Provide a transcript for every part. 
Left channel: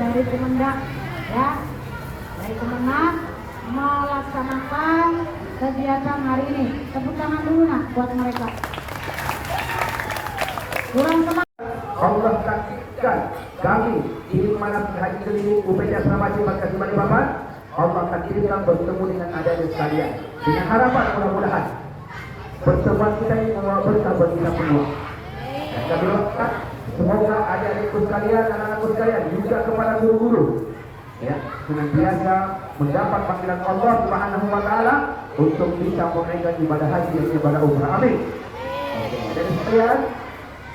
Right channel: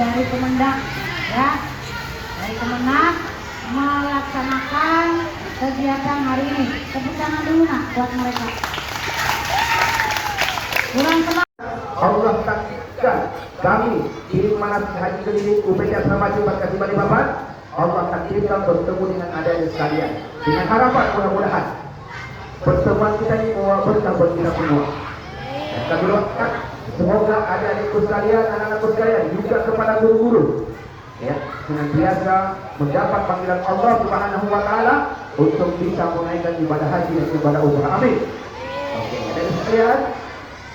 dari Kemendak ya, dari Kemendak melaksanakan kegiatan hari ini. Tepuk tangan dulu nak buat mereka. Kurang teman. Allah takdirkan kami tim manasik haji keliling UPT Asrama Haji Embarkasi Balikpapan. Allah takdirkan bertemu dengan adik-adik sekalian dengan harapan mudah-mudahan pertemuan kita ini membawa berkah bagi kita semua. Dan kami doakan semoga adik-adikku sekalian, anak-anakku sekalian, juga kepada guru-guru ya, dengan biasa mendapat panggilan Allah Subhanahu wa taala untuk bisa menunaikan ibadah haji dan ibadah umrah. Amin. Oke, adik-adik sekalian,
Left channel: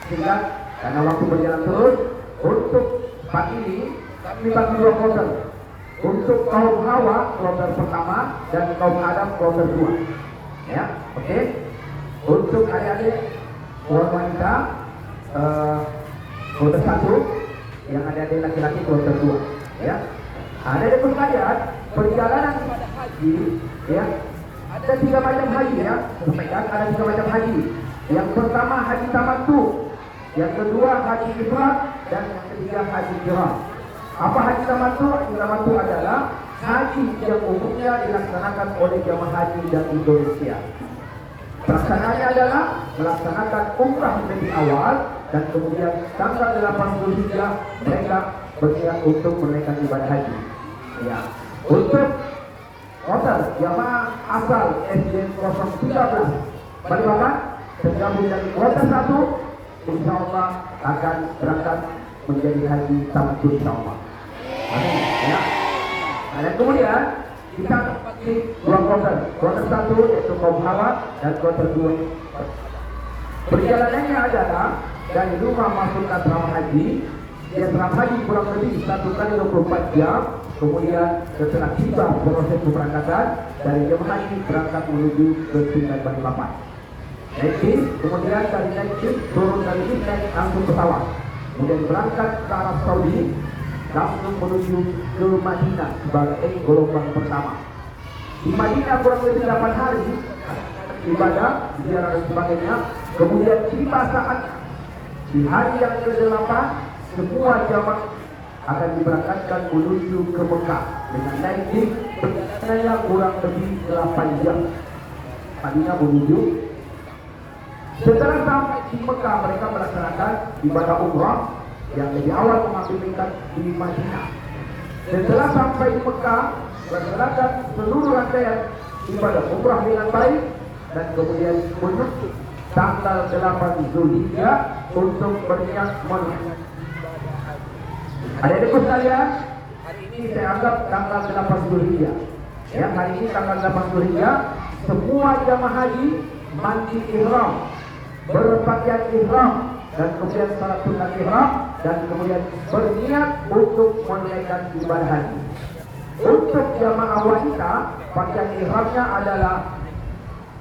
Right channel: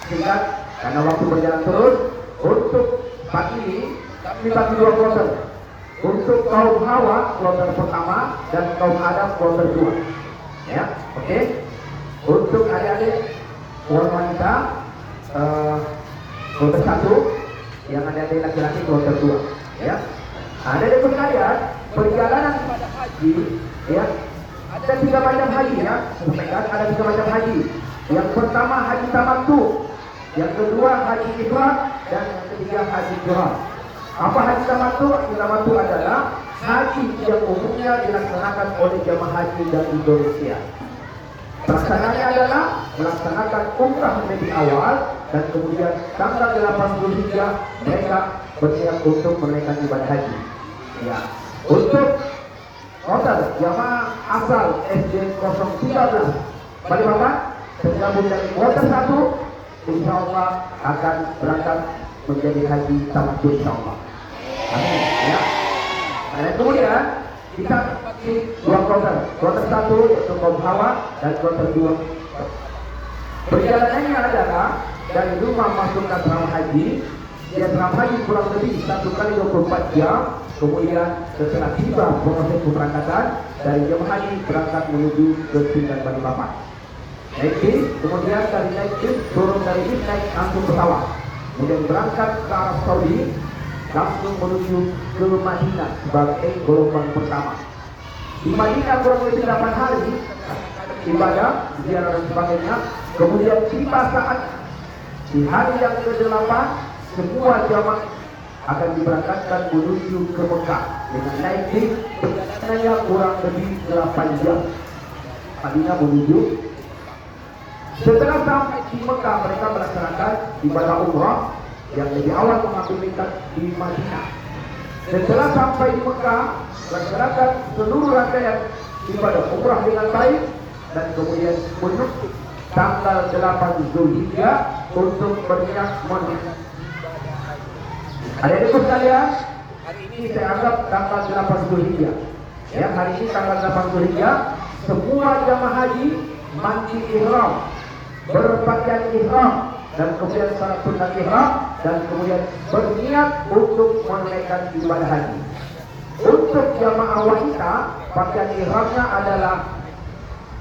singkat karena waktu berjalan terus. Untuk pagi ini kami bagi dua kloter. Untuk kaum Hawa kloter pertama dan kaum Adam kloter 2. Ya, oke. Untuk adik-adik wanita kloter 1, yang adik-adik laki-laki kloter 2. Ya. Adik-adik sekalian, perjalanan ibadah haji ya, ada 3 macam haji ya. Sampaikan ada 3 macam haji. Yang pertama haji tamattu, yang kedua haji ifrad, dan yang ketiga haji qiran. Apa haji tamattu? Haji tamattu adalah haji yang umumnya dilaksanakan oleh jamaah haji dari Indonesia. Pelaksanaannya adalah melaksanakan umrah lebih awal dan kemudian tanggal 8 Zulhijjah mereka bersiap untuk menunaikan ibadah haji. Ya. Untuk total jamaah asal SD 013 Balikpapan tergabung dari kloter 1, insya Allah akan berangkat menjadi haji tamattu insya Allah. Amin. Ya. Nah, dan kemudian kita bagi 2 kloter. Kloter 1 yaitu kaum Hawa dan kloter 2. Perjalanannya adalah dari rumah masuk ke asrama haji. Di asrama haji kurang lebih 1 kali 24 jam. Kemudian setelah tiba proses keberangkatan dari jemaah haji berangkat menuju ke Sungai Balikpapan. Naik bis, kemudian dari naik bis turun dari bis naik langsung pesawat. Kemudian berangkat ke Arab Saudi, langsung menuju ke Madinah sebagai gelombang pertama. Di Madinah kurang lebih 8 hari ibadah, ziarah dan sebagainya. Kemudian tiba saat di hari yang ke-8 semua jamaah akan diberangkatkan menuju ke Mekah dengan naik bis, perjalanannya kurang lebih 8 jam. Madinah menuju. Setelah sampai di Mekah mereka melaksanakan ibadah umrah yang lebih awal mengambil miqat di Madinah. Setelah sampai di Mekah melaksanakan seluruh rangkaian ibadah umrah dengan baik dan kemudian menuju tanggal 8 Zulhijjah untuk berniat menunaikan. Adik-adikku sekalian, hari ini saya anggap tanggal 8 Zulhijjah. Ya, hari ini tanggal 8 Zulhijjah, semua jamaah haji mandi ihram, berpakaian ihram dan kemudian salat sunat ihram dan kemudian berniat untuk menunaikan ibadah haji. Untuk jamaah wanita, pakaian ihramnya adalah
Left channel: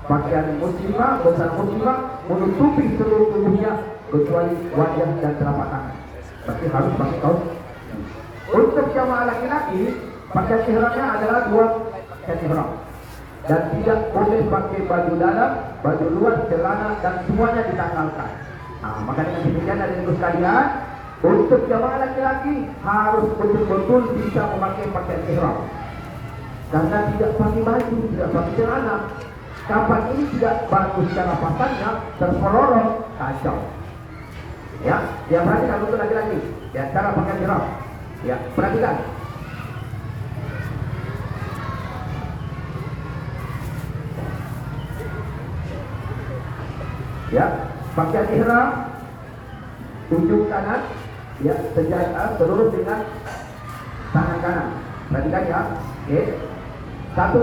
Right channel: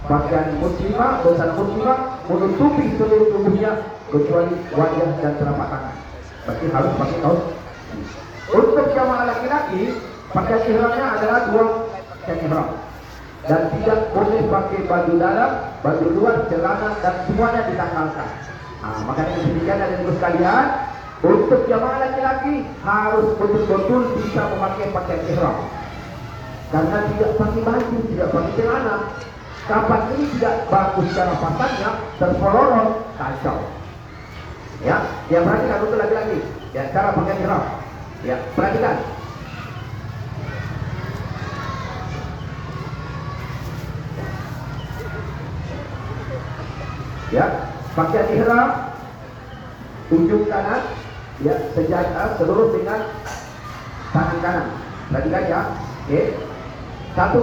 pakaian muslimah, busana muslimah menutupi seluruh tubuhnya kecuali wajah dan telapak tangan. Berarti harus pakai kaos. Untuk jamaah laki-laki, pakaian ihramnya adalah 2 pakaian ihram dan tidak boleh pakai baju dalam, baju luar, celana dan semuanya ditanggalkan. Nah, maka dengan demikian adik-adikku sekalian, untuk jamaah laki-laki harus betul-betul bisa memakai pakaian ihram. Karena tidak pakai baju, tidak pakai celana, kapan ini tidak bagus secara pasangnya, terpelorong, kacau. Ya, perhatikan untuk laki-laki. Ya, cara pakaian ihram. Ya, perhatikan. Ya, pakaian ihram ujung kanan ya sejajar seluruh dengan tangan kanan. Perhatikan ya. Oke. 1.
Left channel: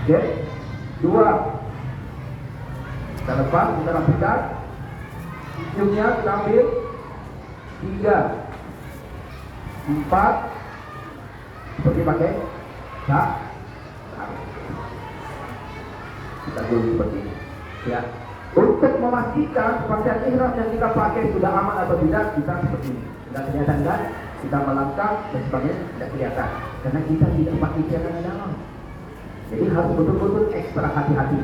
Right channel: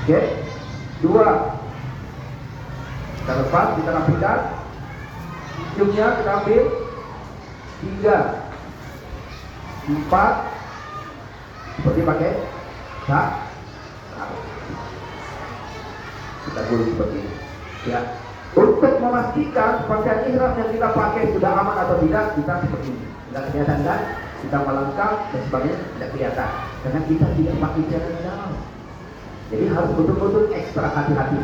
Oke. 2. Kita lepas, kita rapikan. Ujungnya kita ambil. 3. 4. Seperti pakai kita gulung seperti ini. Ya. Untuk memastikan pakaian ihram yang kita pakai sudah aman atau tidak, kita seperti ini. Tidak kelihatan kan? Kita melangkah dan sebagainya tidak kelihatan. Karena kita tidak pakai celana dalam. Jadi harus betul-betul ekstra hati-hati.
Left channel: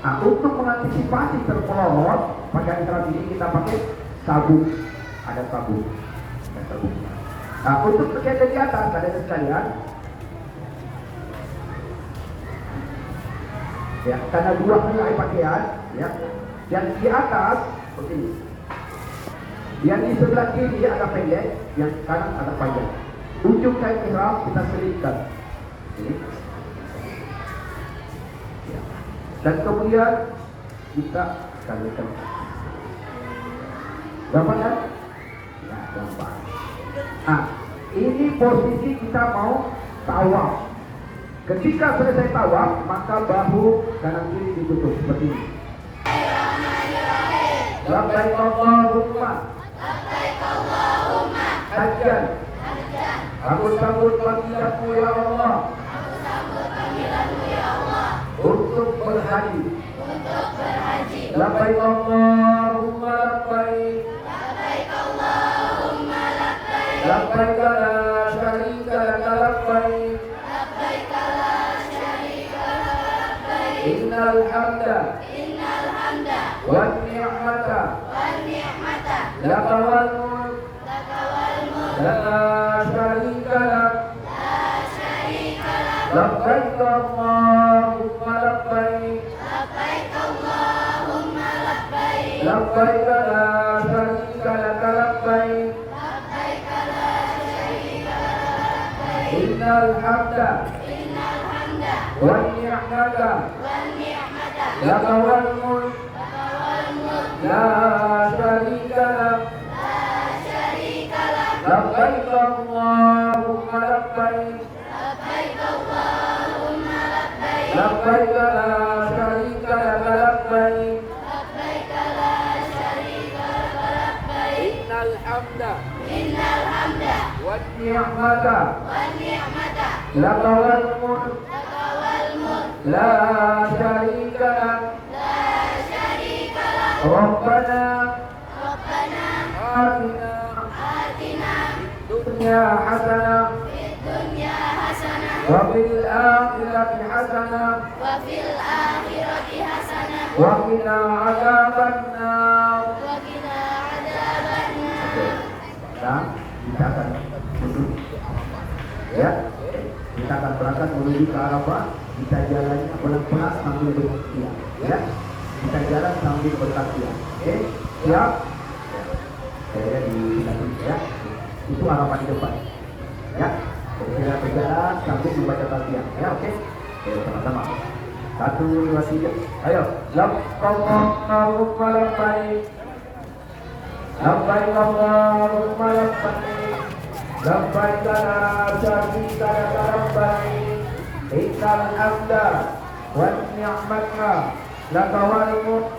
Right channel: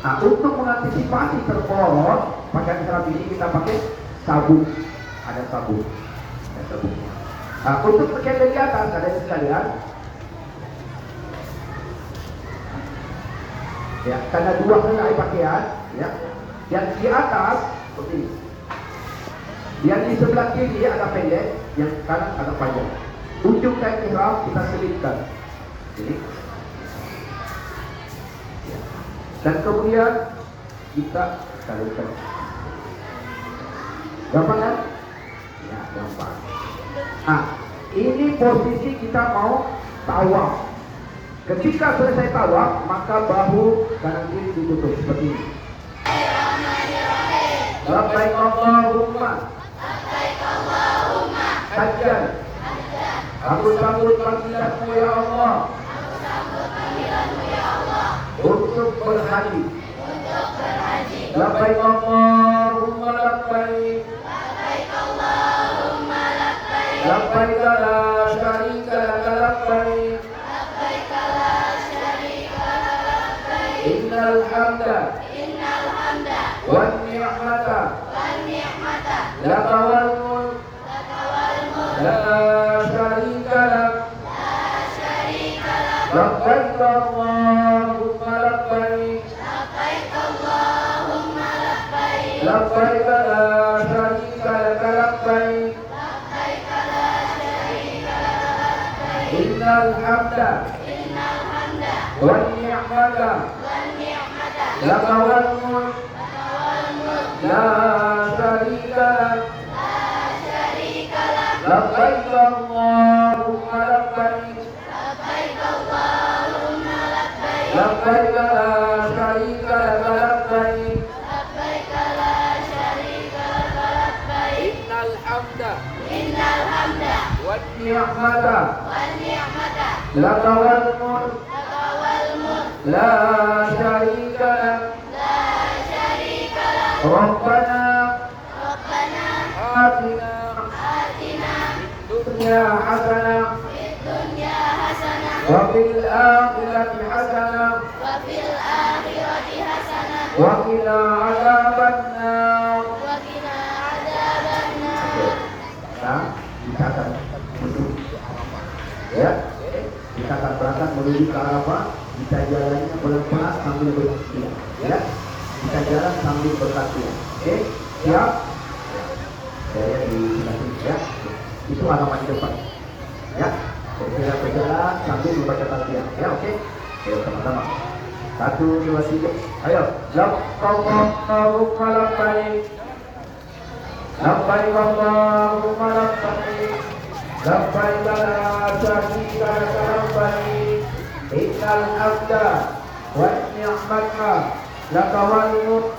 Nah, untuk mengantisipasi terpelorot pakaian ihram ini kita pakai sabuk, ada sabuk dan sabuknya. Nah, untuk pakaian dari atas ada sekalian, ya, karena dua helai pakaian, ya, yang di atas seperti ini. Yang di sebelah kiri agak pendek, yang kanan agak panjang. Ujung kain ihram kita selipkan ini. Ya. Dan kemudian kita kalikan. Gampang kan? Ya, gampang. Nah, ini posisi kita mau tawaf. Ketika selesai tawaf, maka bahu kanan kiri ditutup seperti ini. Labbaik Allahumma hajjan. Aku sambut panggilanmu ya Allah untuk berhaji. Labbaik Allahumma labbaik. Labbaik la syarika laka labbaik. Innal hamda wan ni'mata laka wal mulk la syarika lak. Labbaik Allahumma labbaik. Labbaik la syarika laka labbaik. Innal hamda wan ni'mata laka wal mulk la syarika lak. Labbaik Allahumma labbaik. Labbaik la syarika laka labbaik. Innal hamda wan ni'mata laka wal mulk la syarika lak. Rabbana atina fid dunya hasanah wa fil akhirati hasanah wa qina adzabannar. Kita akan menuju ya, kita akan berangkat menuju ke Arafah. Kita jalannya pelan-pelan sambil berkaki, ya. Kita jalan sambil berkaki. Oke, siap? Ya. Saya di belakang ya. Itu Arafah di depan. Ya. Jadi kita berjalan sambil membaca talbiyah. Ya, oke. Ayo sama-sama. 1, 2, 3. Ayo. Labbaik labbaik. Labbaik Allahumma labbaik. Labbaik la syarika laka labbaik. Innal hamda wan ni'mata laka wal mulk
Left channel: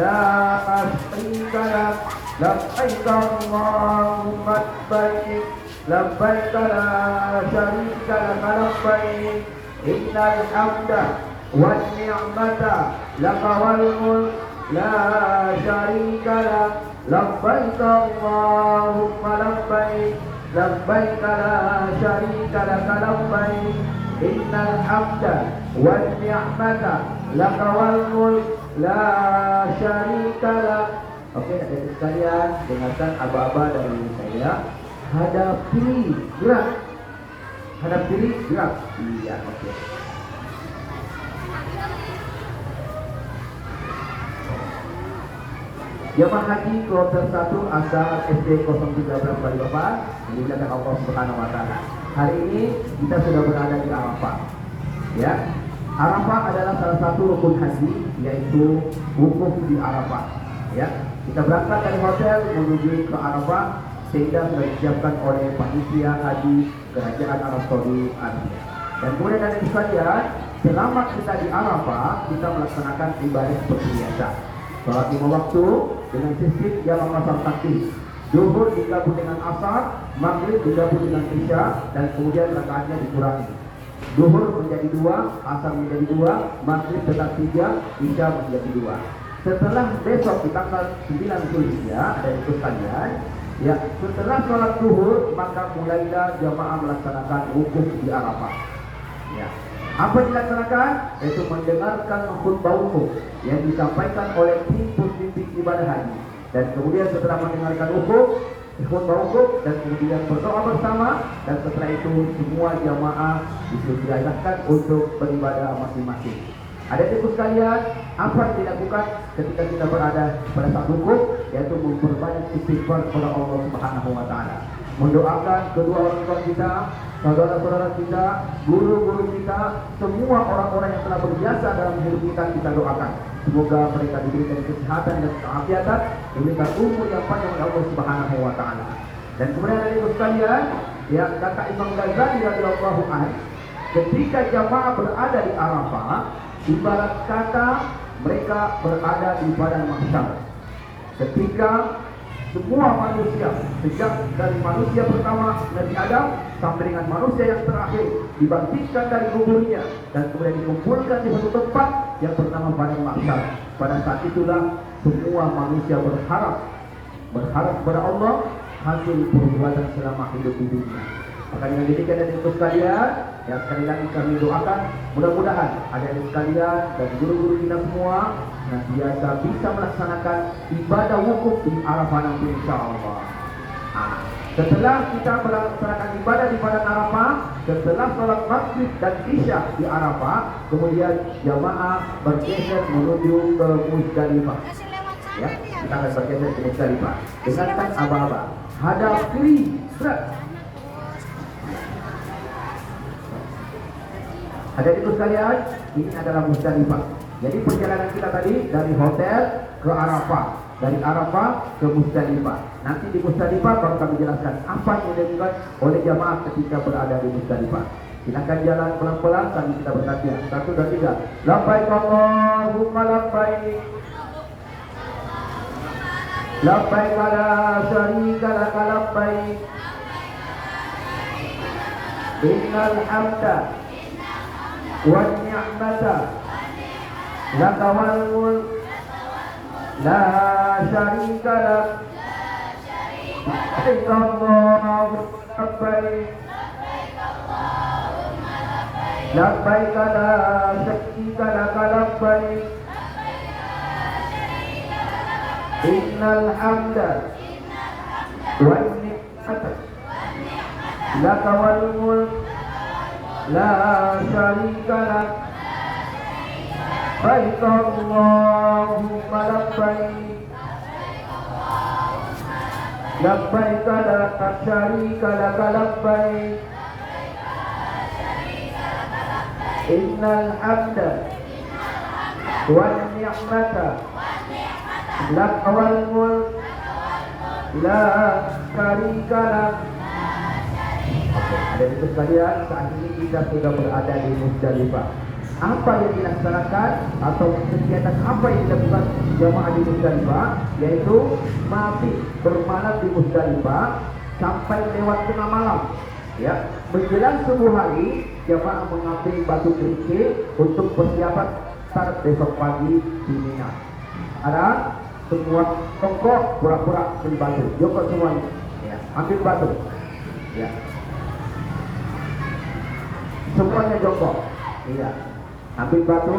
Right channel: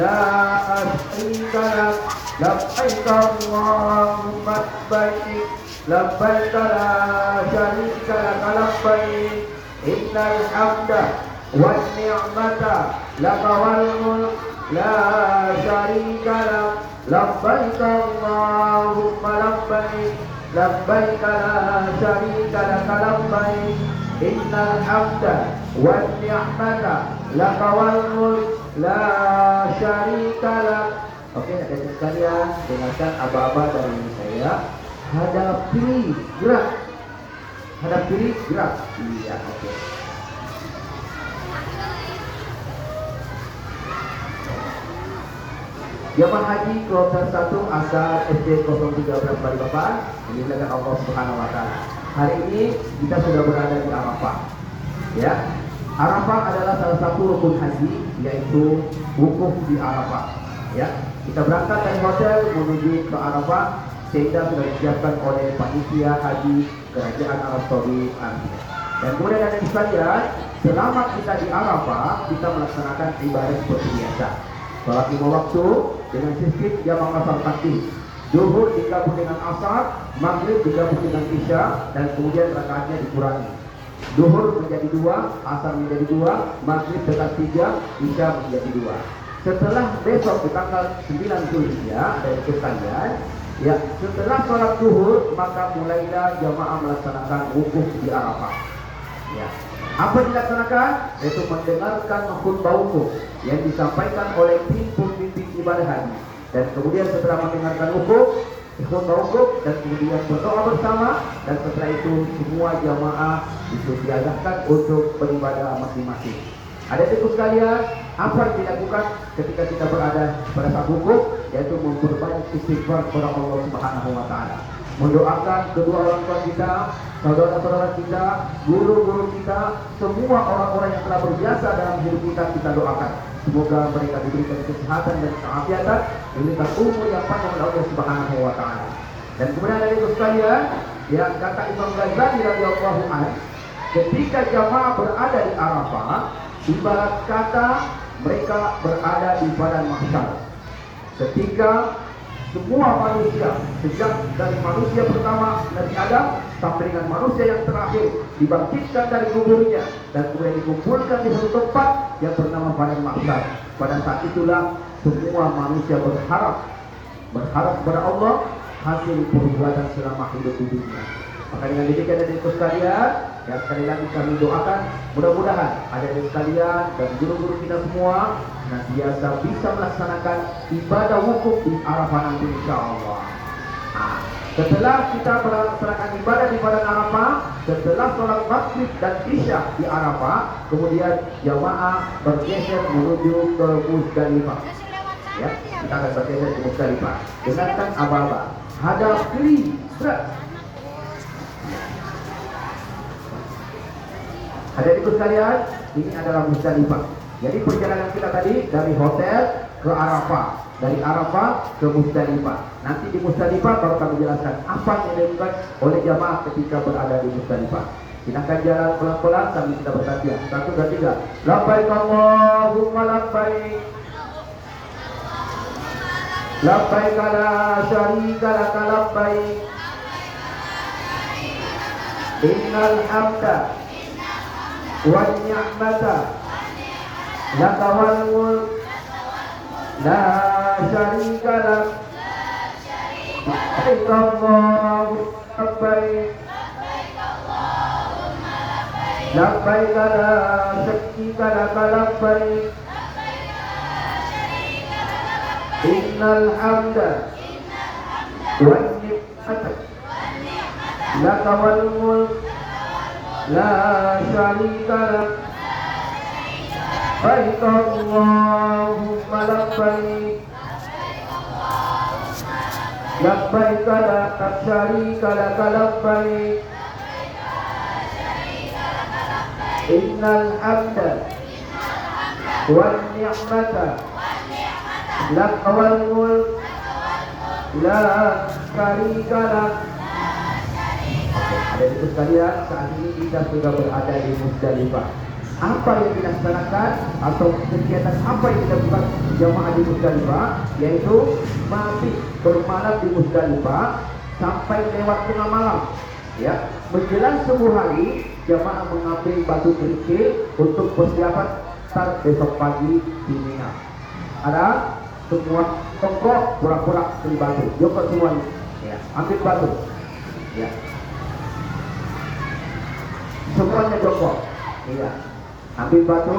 la syarika lak. Labbaik Allahumma labbaik. Labbaik la syarika laka labbaik. Innal hamda wan ni'mata laka wal mulk la syarika lak. Labbaik Allahumma labbaik. Labbaik la syarika laka labbaik. Innal hamda wan ni'mata laka wal mulk la syarika lak. Oke, adik-adik sekalian, dengarkan aba-aba dari saya. Hadap kiri, gerak. Hadap kiri, gerak. Iya, oke. Jamaah Haji Kloter 1 asal SD 013 Balikpapan, dimuliakan Allah Subhanahu wa taala. Hari ini kita sudah berada di Arafah. Ya. Arafah adalah salah satu rukun haji, yaitu wukuf di Arafah. Ya. Kita berangkat dari hotel menuju ke Arafah sehingga sudah disiapkan oleh panitia haji Kerajaan Arab Saudi Arabia. Dan kemudian ada sekalian, selama kita di Arafah, kita melaksanakan ibadah seperti biasa. Salat 5 waktu dengan sistem jamaah asar takbir. Zuhur digabung dengan asar, maghrib digabung dengan isya, dan kemudian rakaatnya dikurangi. Zuhur menjadi 2, asar menjadi 2, maghrib tetap 3, isya menjadi 2. Setelah besok di tanggal 9 Zulhijjah, ada itu sekalian, ya, setelah sholat zuhur maka mulailah jamaah melaksanakan wukuf di Arafah. Ya. Apa dilaksanakan? Yaitu mendengarkan khutbah wukuf yang disampaikan oleh pimpinan ibadah haji. Dan kemudian setelah mendengarkan hukum, khutbah hukum, dan kemudian berdoa bersama, dan setelah itu semua jamaah disosialisasikan untuk beribadah masing-masing. Adik-adikku sekalian, apa yang dilakukan ketika kita berada pada saat hukum, yaitu memperbanyak istighfar kepada Allah Subhanahu wa taala. Mendoakan kedua orang tua kita, saudara-saudara kita, guru-guru kita, semua orang-orang yang telah berjasa dalam hidup kita doakan. Semoga mereka diberikan kesehatan dan keafiatan, diberikan umur yang panjang oleh Allah Subhanahu wa taala. Dan kemudian dari itu sekalian, yang kata Imam Ghazali radhiyallahu anhu, ketika jamaah berada di Arafah, ibarat kata mereka berada di padang mahsyar. Ketika semua manusia, sejak dari manusia pertama Nabi Adam sampai dengan manusia yang terakhir, dibangkitkan dari kuburnya dan kemudian dikumpulkan di satu tempat yang bernama padang mahsyar. Pada saat itulah semua manusia berharap kepada Allah hasil perbuatan selama hidup di dunia. Maka dengan demikian dan itu sekalian, yang sekali lagi kami doakan mudah-mudahan adik-adik sekalian dan guru-guru kita semua senantiasa bisa melaksanakan ibadah wukuf di Arafah nanti insyaallah. Setelah kita melaksanakan ibadah di padang Arafah, setelah sholat maghrib dan isya di Arafah, kemudian jamaah bergeser menuju ke Musdalifah. Ya, kita akan bergeser ke Musdalifah. Dengarkan aba-aba, hadap kiri, berat. Adik-adik sekalian, ini adalah Musdalifah. Jadi perjalanan kita tadi dari hotel ke Arafah, dari Arafah ke Musdalifah. Nanti di Musdalifah baru kami jelaskan apa yang dilakukan oleh jamaah ketika berada di Musdalifah. Silakan jalan pelan-pelan sambil kita bertanya. 1 dan 3. Labbaik Allahumma labbaik. Labbaik la syarika lak labbaik. Innal hamda wan ni'mata laka wal mulk la syarika lak. Labbaik Allahumma labbaik. Labbaik la syarika lak labbaik. Innal hamda wan ni'mata laka wal mulk la syarika lak. Labbaik Allahumma labbaik. Labbaik la syarika lak labbaik. Innal hamda wan ni'mata laka wal mulk la syarika lak. Oke, adik-adik sekalian, saat ini kita sudah berada di Musdalifah. Apa yang dilaksanakan atau kegiatan apa yang dilakukan jamaah di Musdalifah, yaitu mabit bermalam di Musdalifah sampai lewat tengah malam. Ya, menjelang subuh hari jamaah mengambil batu kerikil untuk persiapan start besok pagi di Mina. Ada semua tongkok pura-pura beli batu, jokok semuanya. Ya, ambil batu. Ya, semuanya jongkok. Iya, ambil batu.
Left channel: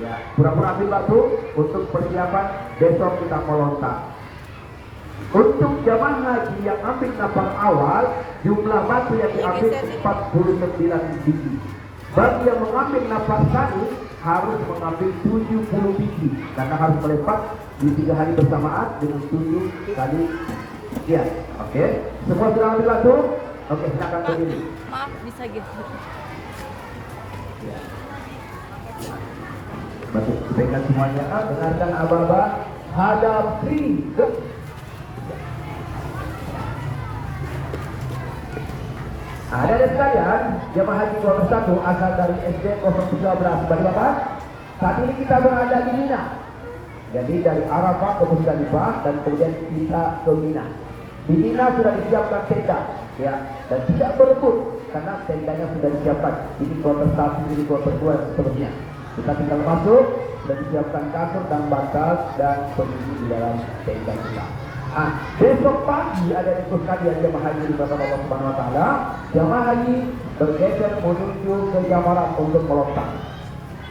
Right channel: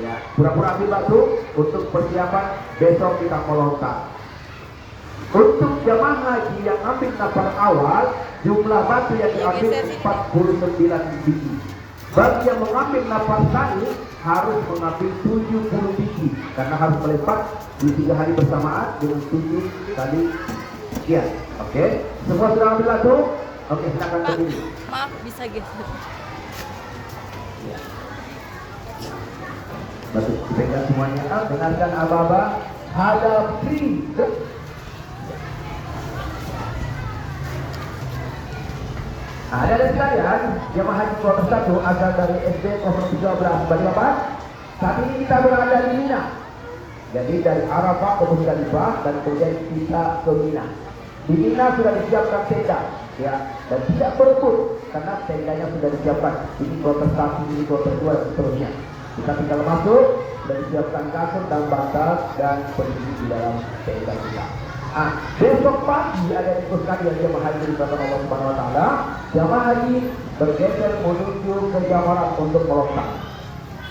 Ya, pura-pura ambil batu untuk persiapan besok kita melontar. Untuk jamaah haji yang ambil nafar awal, jumlah batu yang diambil 49 biji. Bagi yang mengambil nafar sani harus mengambil 70 biji karena harus melempar di 3 hari bersamaan dengan 7 kali sekian. Oke, semua sudah ambil batu? Oke, silakan berdiri. Maaf, bisa gitu. Ya. Baik, dipegang semuanya. Dengarkan aba-aba. Hadapi. Ada sekalian, jemaah haji 21 asal dari SD 013 dari apa? Saat ini kita berada di Mina. Jadi dari Arafah ke Musdalifah dan kemudian kita ke Mina. Di Mina sudah disiapkan tenda, ya, dan tidak berebut karena tendanya sudah disiapkan. Ini kloter 1, ini kloter 2 dan seterusnya. Kita tinggal masuk, sudah disiapkan kasur dan bantal dan posisi di dalam tenda kita. Besok pagi ada diskusi yang jemaah haji di kepada Allah Subhanahu wa taala. Jemaah haji bergeser menuju ke Jamarat untuk melontar.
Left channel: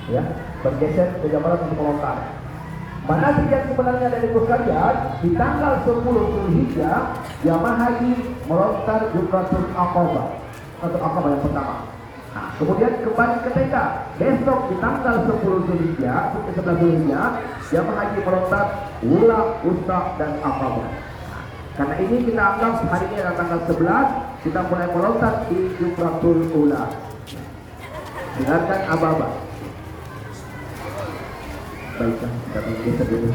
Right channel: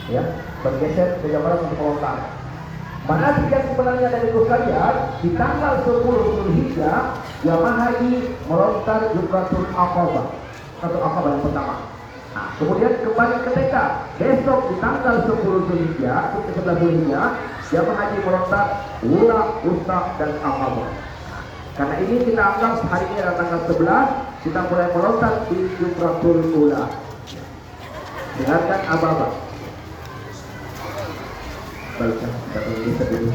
Ya, bergeser ke Jamarat untuk melontar. Mana sekian sebenarnya dari sekalian, di tanggal 10 Zulhijjah, jamaah haji melontar Jumratul Aqabah atau Aqabah yang pertama. Nah, kemudian kembali ke TK. Besok di tanggal 10 Zulhijjah, 11 Zulhijjah, jamaah haji melontar Ula, Usta, dan Aqabah. Karena ini kita anggap hari ini adalah tanggal 11, kita mulai melontar di Jumratul Ula. Dengarkan Ababa. Baiklah, kita dulu.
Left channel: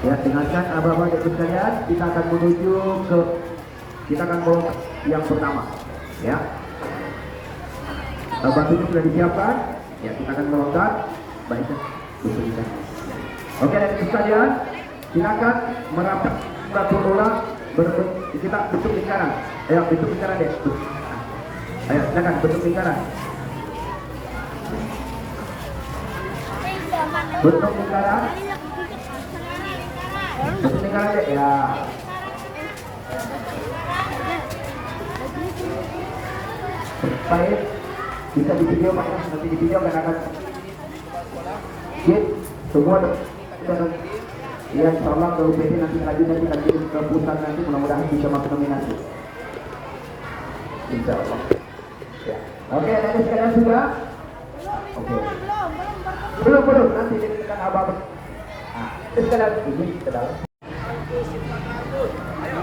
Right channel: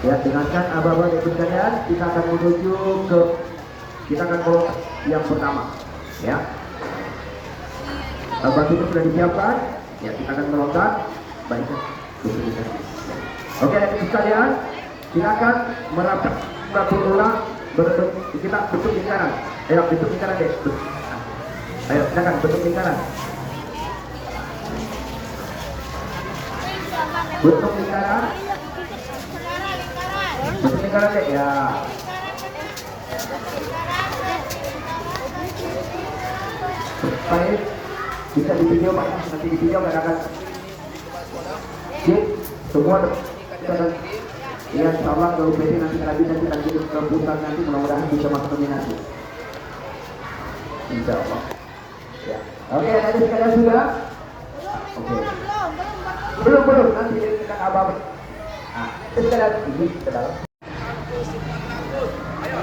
Ya, dengarkan Ababa dan sekalian, kita akan menuju ke yang pertama. Ya. Batunya sudah disiapkan. Ya, kita akan melontar. Baiklah, kita. Oke, dan sekalian, silakan merapat satu orang bentuk kita bentuk lingkaran. Ayo bentuk lingkaran deh. Ayo silakan bentuk lingkaran. Bentuk lingkaran. Bentuk lingkaran deh ya. Baik, bisa di video Pak, nanti di video kadang-kadang. Semua kita ya, insyaallah kalau jadi nanti kita kirim ke pusat nanti, mudah-mudahan bisa masuk nominasi. Insyaallah. Ya. Oke, tadi sekalian sudah. Oke. Belum nanti kita abang. Nah, sekalian ini ke dalam. Ayo,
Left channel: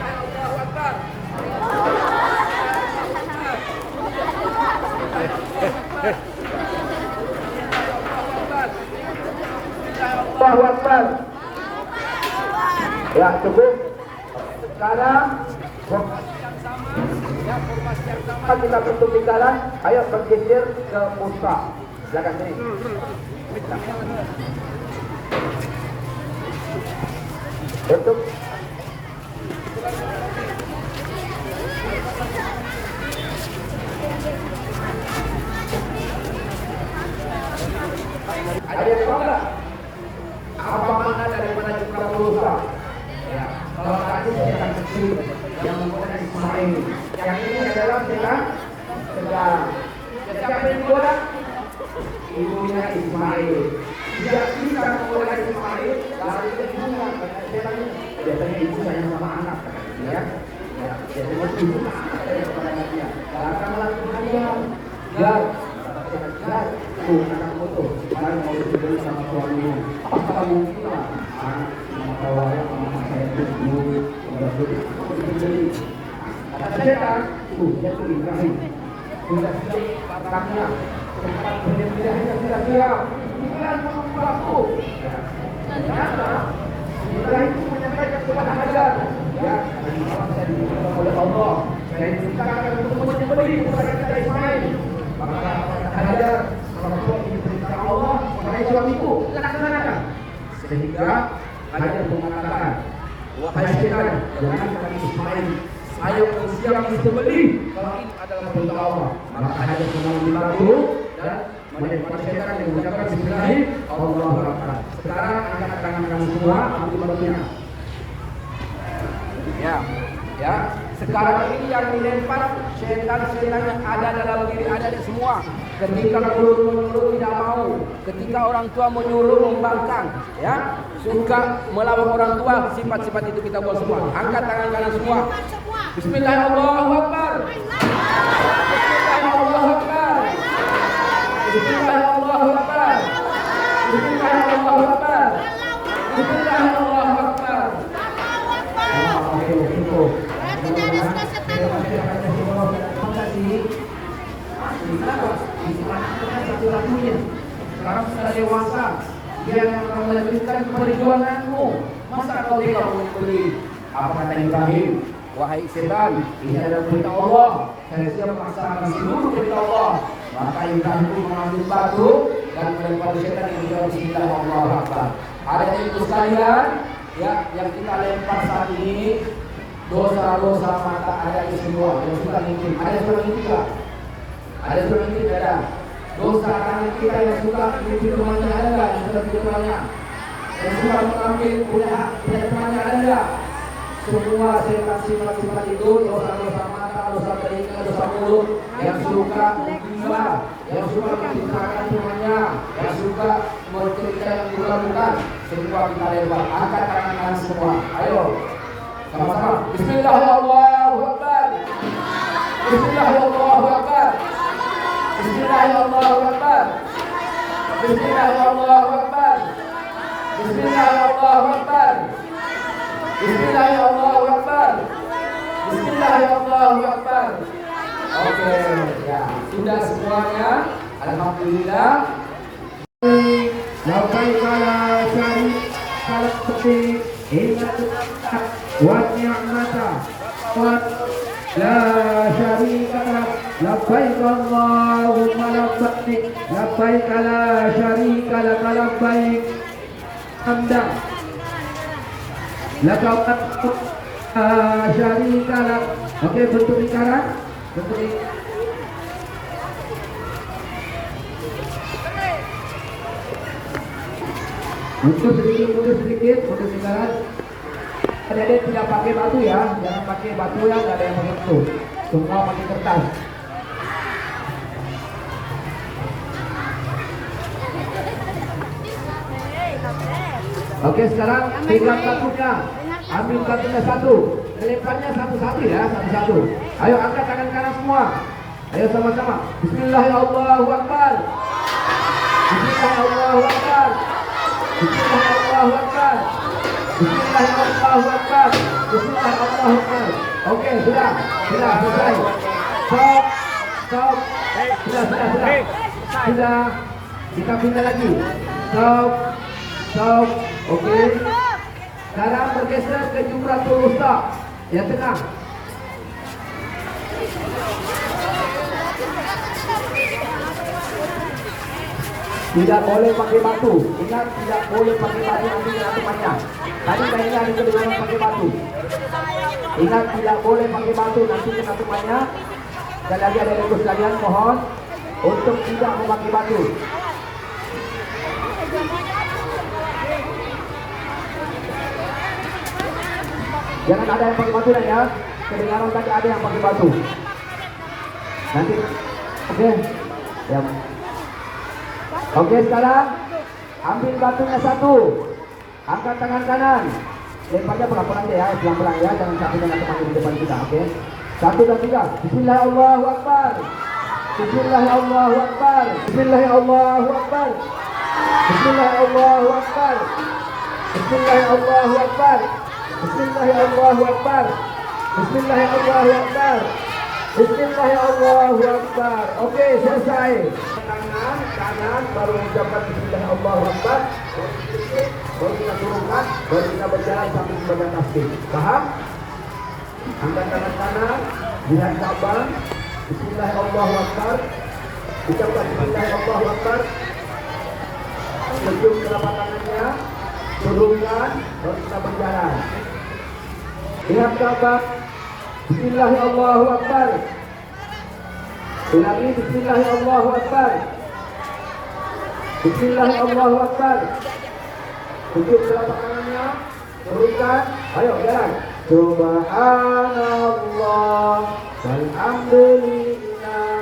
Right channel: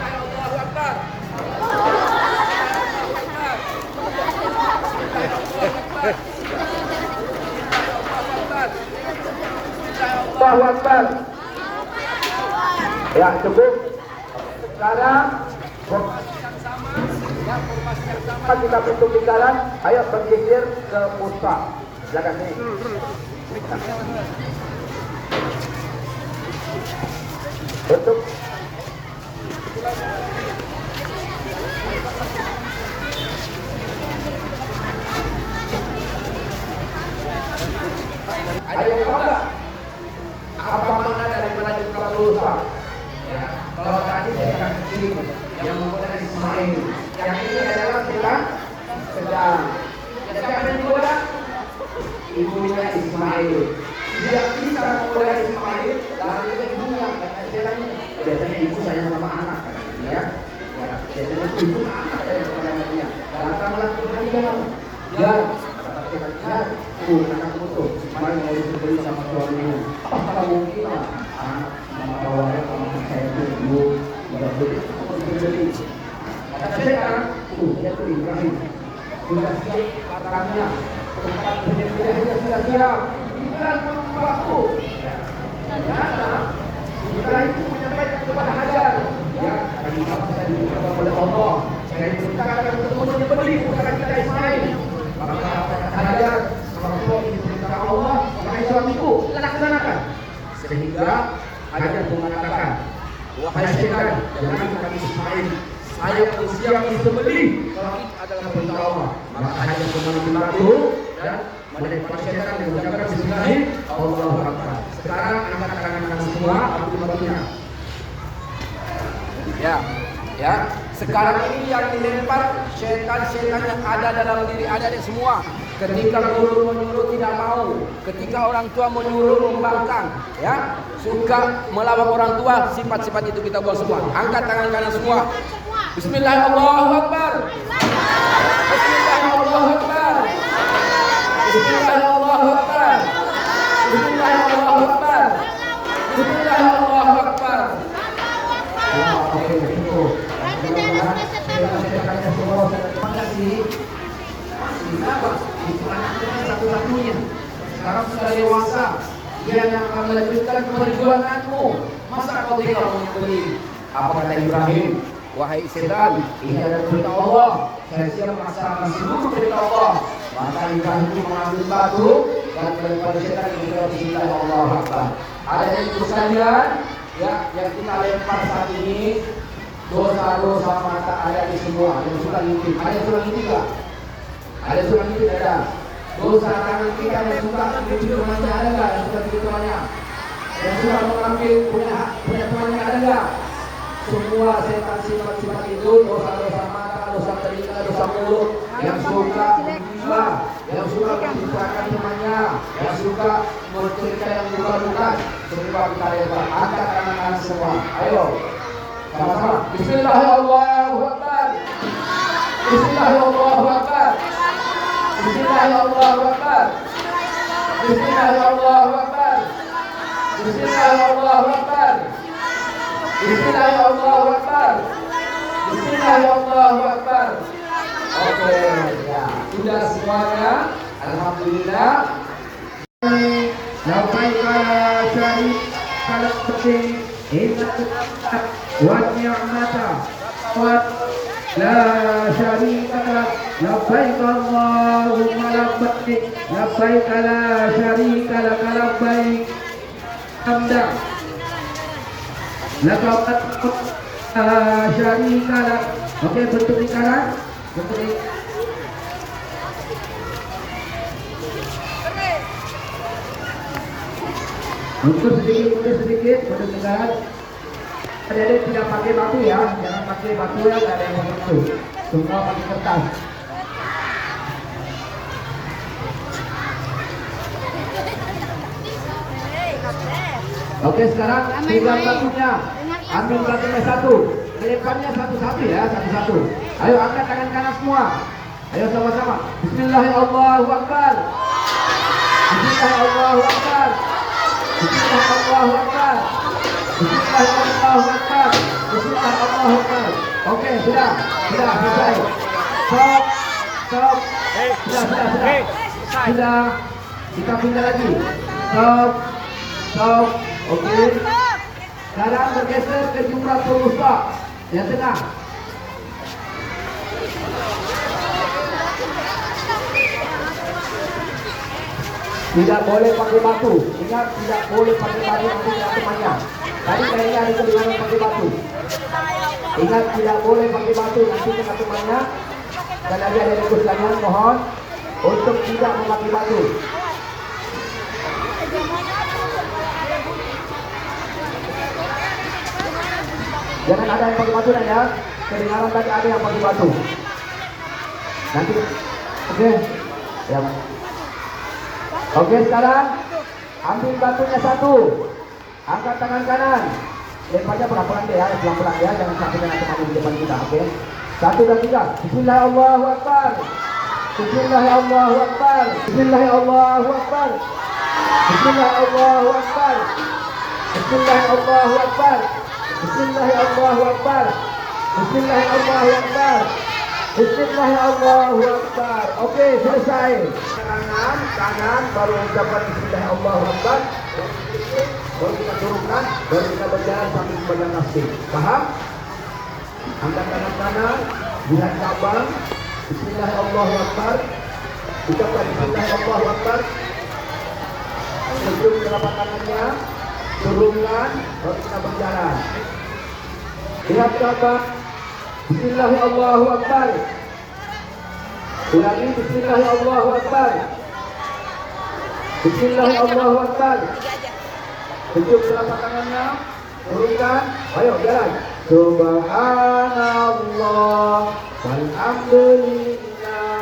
Allahu Akbar. Allahu Akbar. Ya, cukup. Sekarang formasi yang sama kita bentuk lingkaran. Ayo bergeser ke pusat. Silakan sini. Bentuk. Ada yang tahu nggak apa makna daripada Jumratul Usta? Ya, kalau tadi sedang kecil yang menggoda Ismail, yang ini adalah sedang. Siapa yang menggoda? Ibunya Ismail. Yang bisa menggoda Ismail lalu ibunya, karena biasanya ibu sayang sama anak, kata dia. Ya, biasanya ibu sama anak daripada anaknya. Jangan melakukan dia. Anak foto, supaya mau dibeli sama suamimu. Apa mungkin lah anak sama kawannya sama saya itu nggak beli. Kata saya dia kuliahin, sudah siap barangnya, tempat penjelasannya sudah siap. Tinggal menunggu waktu. Ternyata kita itu menyampaikan kepada Hajar, ya, tadi malam saya diberitahu oleh Allah, saya diperintahkan untuk menyembelih kepada kita Ismail. Maka kata Hajar, kalau kau diperintah Allah, wahai suamiku, laksanakan. Sehingga Hajar mengatakan, wahai setan, jangan kaki Ismail, saya siap disembelih. Kalau ini adalah perintah Allah, maka Hajar mengambil batu dan melempar setan yang mengucapkan Bismillahirrahmanirrahim, Allahu Akbar. Sekarang angkat tangan semua, ambil batunya. Ya. Sekarang ini yang dilempar setan-setan yang ada dalam diri adik-adik semua. Ketika guru menyuruh tidak mau, ketika orang tua menyuruh membangkang, ya, suka melawan orang tua, sifat-sifat itu kita buat semua. Angkat tangan kanan semua. Bismillahirrahmanirrahim. Bismillahirrahmanirrahim. Bismillahirrahmanirrahim. Bismillahirrahmanirrahim. Bismillahirrahmanirrahim. Ya, oke, cukup. Terima kasih. Kenapa? Satu-satunya. Sekarang sudah dewasa. Dia yang akan melanjutkan perjuanganmu. Masa kau tinggal membeli? Apa kata Ibrahim? Wahai setan, ini adalah perintah Allah. Saya siap melaksanakan seluruh perintah Allah. Maka Ibrahim itu mengambil batu dan melempar setan yang berdoa Bismillahirrahmanirrahim. Ada itu sekalian, ya, yang kita lempar saat ini. Dosa-dosa mata ada di semua yang suka ngintip. Ada surat ngintip gak? Ada surat ngintip ada. Dosa tangan kita yang suka ngintip temannya ada gak? Yang suka ngintip temannya, yang suka mengambil punya temannya ada gak? Semua setan sifat-sifat itu dosa-dosa mata dosa telinga, dosa mulut, yang suka menggila, yang suka menceritakan temannya, yang suka mencerita yang bukan-bukan, semua kita lempar. Angkat tangan kanan semua. Ayo, sama-sama. Bismillahirrahmanirrahim. Bismillahirrahmanirrahim. Bismillahirrahmanirrahim. Bismillahirrahmanirrahim. Bismillahirrahmanirrahim. Bismillahirrahmanirrahim. Bismillahirrahmanirrahim. Oke, ya sudah semuanya. Alhamdulillah. Labbaik la syarika lak wa ni'mata wa la syarika lak. Labbaik Allahumma labbaik. Labbaik la syarika lak labbaik. Hamda laka syarika lak. Oke, bentuk lingkaran, bentuk mundur sedikit, mundur lingkaran. Adik-adik tidak pakai batu ya, jangan pakai batu ya, nggak ada yang menyentuh. Semua pakai kertas. Oke, sekarang pegang batunya, ambil batunya satu, melemparnya satu-satu ya, satu-satu. Ayo angkat tangan kanan semua. Ayo sama-sama. Bismillahirrahmanirrahim. Bismillahirrahmanirrahim. Bismillahirrahmanirrahim. Bismillahirrahmanirrahim. Bismillahirrahmanirrahim. Oke, sudah selesai. Stop. Sudah. Kita pindah lagi. Stop. Oke. Sekarang bergeser ke Jumratul Wusta. Ya, tenang. Tidak boleh pakai batu. Ingat, tidak boleh pakai batu nanti kena temannya. Tadi kayaknya ada kedengaran pakai batu. Ingat, tidak boleh pakai batu nanti kena temannya. Sekali lagi ada request kalian, mohon untuk tidak memakai batu. Jangan ada yang pakai batu ya. Kedengaran tadi ada yang pakai batu. Nanti, oke. Ya. Oke, sekarang ambil batunya satu. Angkat tangan kanan. Lemparnya pelan-pelan ya, pelan-pelan ya. Jangan sampai kena temannya di depan kita, oke. 1 dan 3. Bismillahirrahmanirrahim. Bismillahirrahmanirrahim. Bismillahirrahmanirrahim. Bismillahirrahmanirrahim. Bismillahirrahmanirrahim. Bismillahirrahmanirrahim. Bismillahirrahmanirrahim. Bismillahirrahmanirrahim. Oke, selesai. Tangan baru ucapkan Bismillahirrahmanirrahim. Baru kita turunkan, baru kita berjalan sambil membaca tasbih. Paham? Angkat tangan kanan, lihat cabang. Bismillahirrahmanirrahim. Ucapkan Bismillahirrahmanirrahim. Cium telapak tangannya, turunkan, baru kita berjalan. Lihat cabang. Bismillahirrahmanirrahim. Ulangi Bismillahirrahmanirrahim. Bismillahirrahmanirrahim. Cium telapak tangannya, turunkan. Ayo jalan. Subhanallah walhamdulillah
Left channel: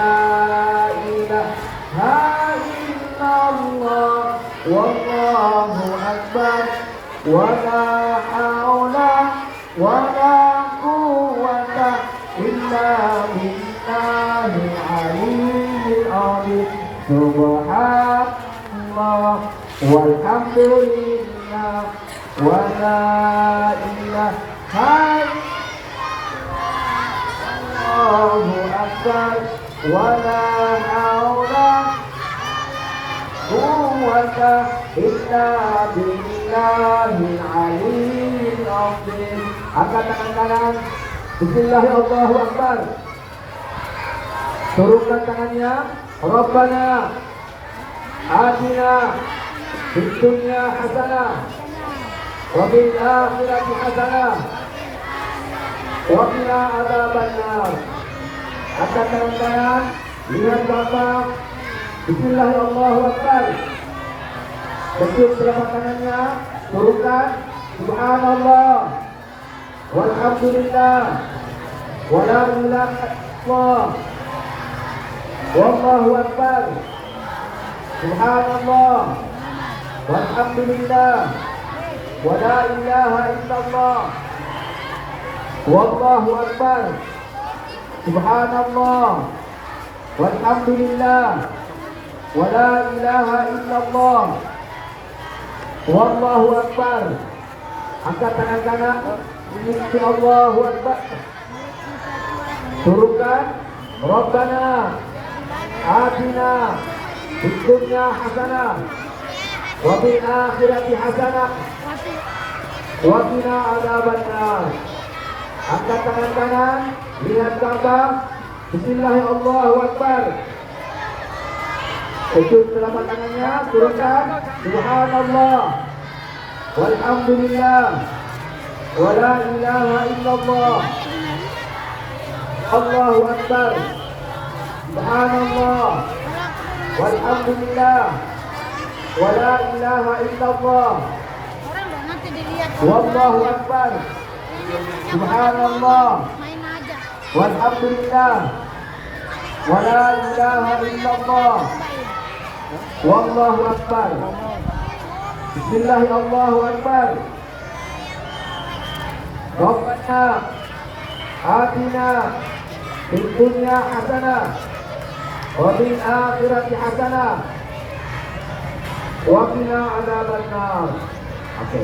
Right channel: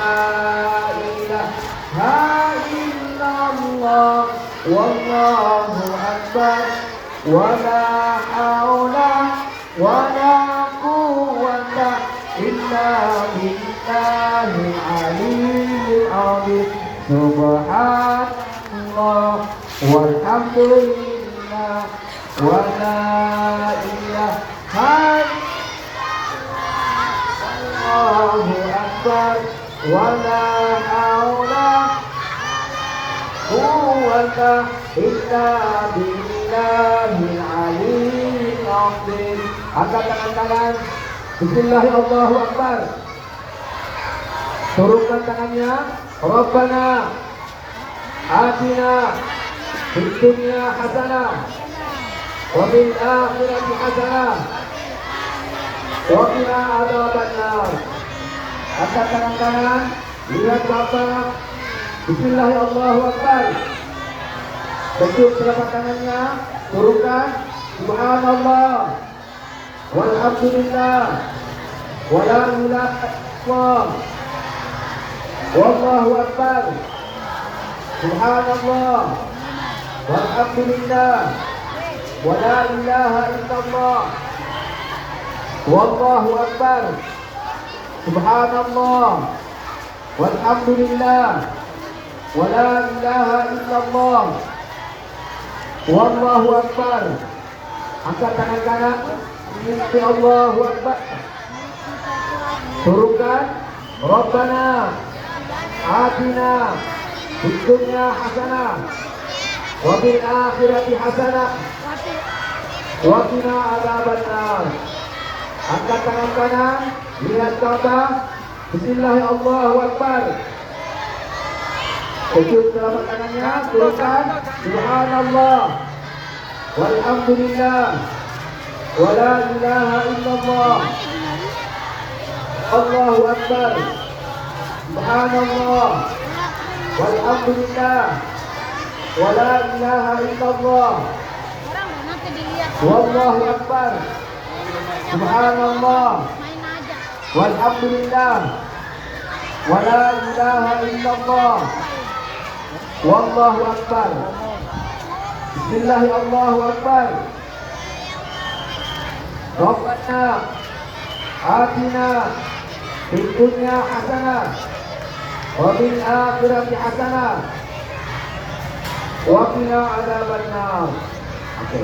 la ilaha illallah wallahu akbar wa la haula wa la quwwata illa billahil aliyyil azim. Subhanallah walhamdulillah wa la ilaha Allahu akbar wa la haula quwwata illa billahil aliyyil azim. Angkat tangan kanan. Bismillahirrahmanirrahim. Turunkan tangannya. Rabbana atina fid dunya hasanah wa fil akhirati hasanah wa qina adzabannar. Angkat tangan kanan, lihat belakang. Bismillahirrahmanirrahim. Bentuk telapak tangannya, turunkan. Subhanallah walhamdulillah ولا إله إلا الله والله أكبر سبحان الله والحمد لله ولا إله إلا الله والله أكبر سبحان الله والحمد لله ولا إله إلا الله والله أكبر. Angkat tangan kanan, ikuti Allahu Akbar. Turunkan, Rabbana atina fid dunya hasanah wa fil akhirati hasanah wa qina adzabannar. Angkat tangan kanan, lihat Ka'bah. Bismillahirrahmanirrahim, Allahu Akbar. Sujud telapak tangannya, turunkan. Subhanallah walhamdulillah wala ilaha illallah Allahu Akbar. Subhanallah walhamdulillah wala ilaha illallah wallahu akbar. Subhanallah walhamdulillah wala ilaha illallah wallahu akbar. Bismillahirrahmanirrahim, Allahu Akbar. Rabbana atina fid dunya hasanah wa fil akhirati hasanah wa qina adzabannar. Oke.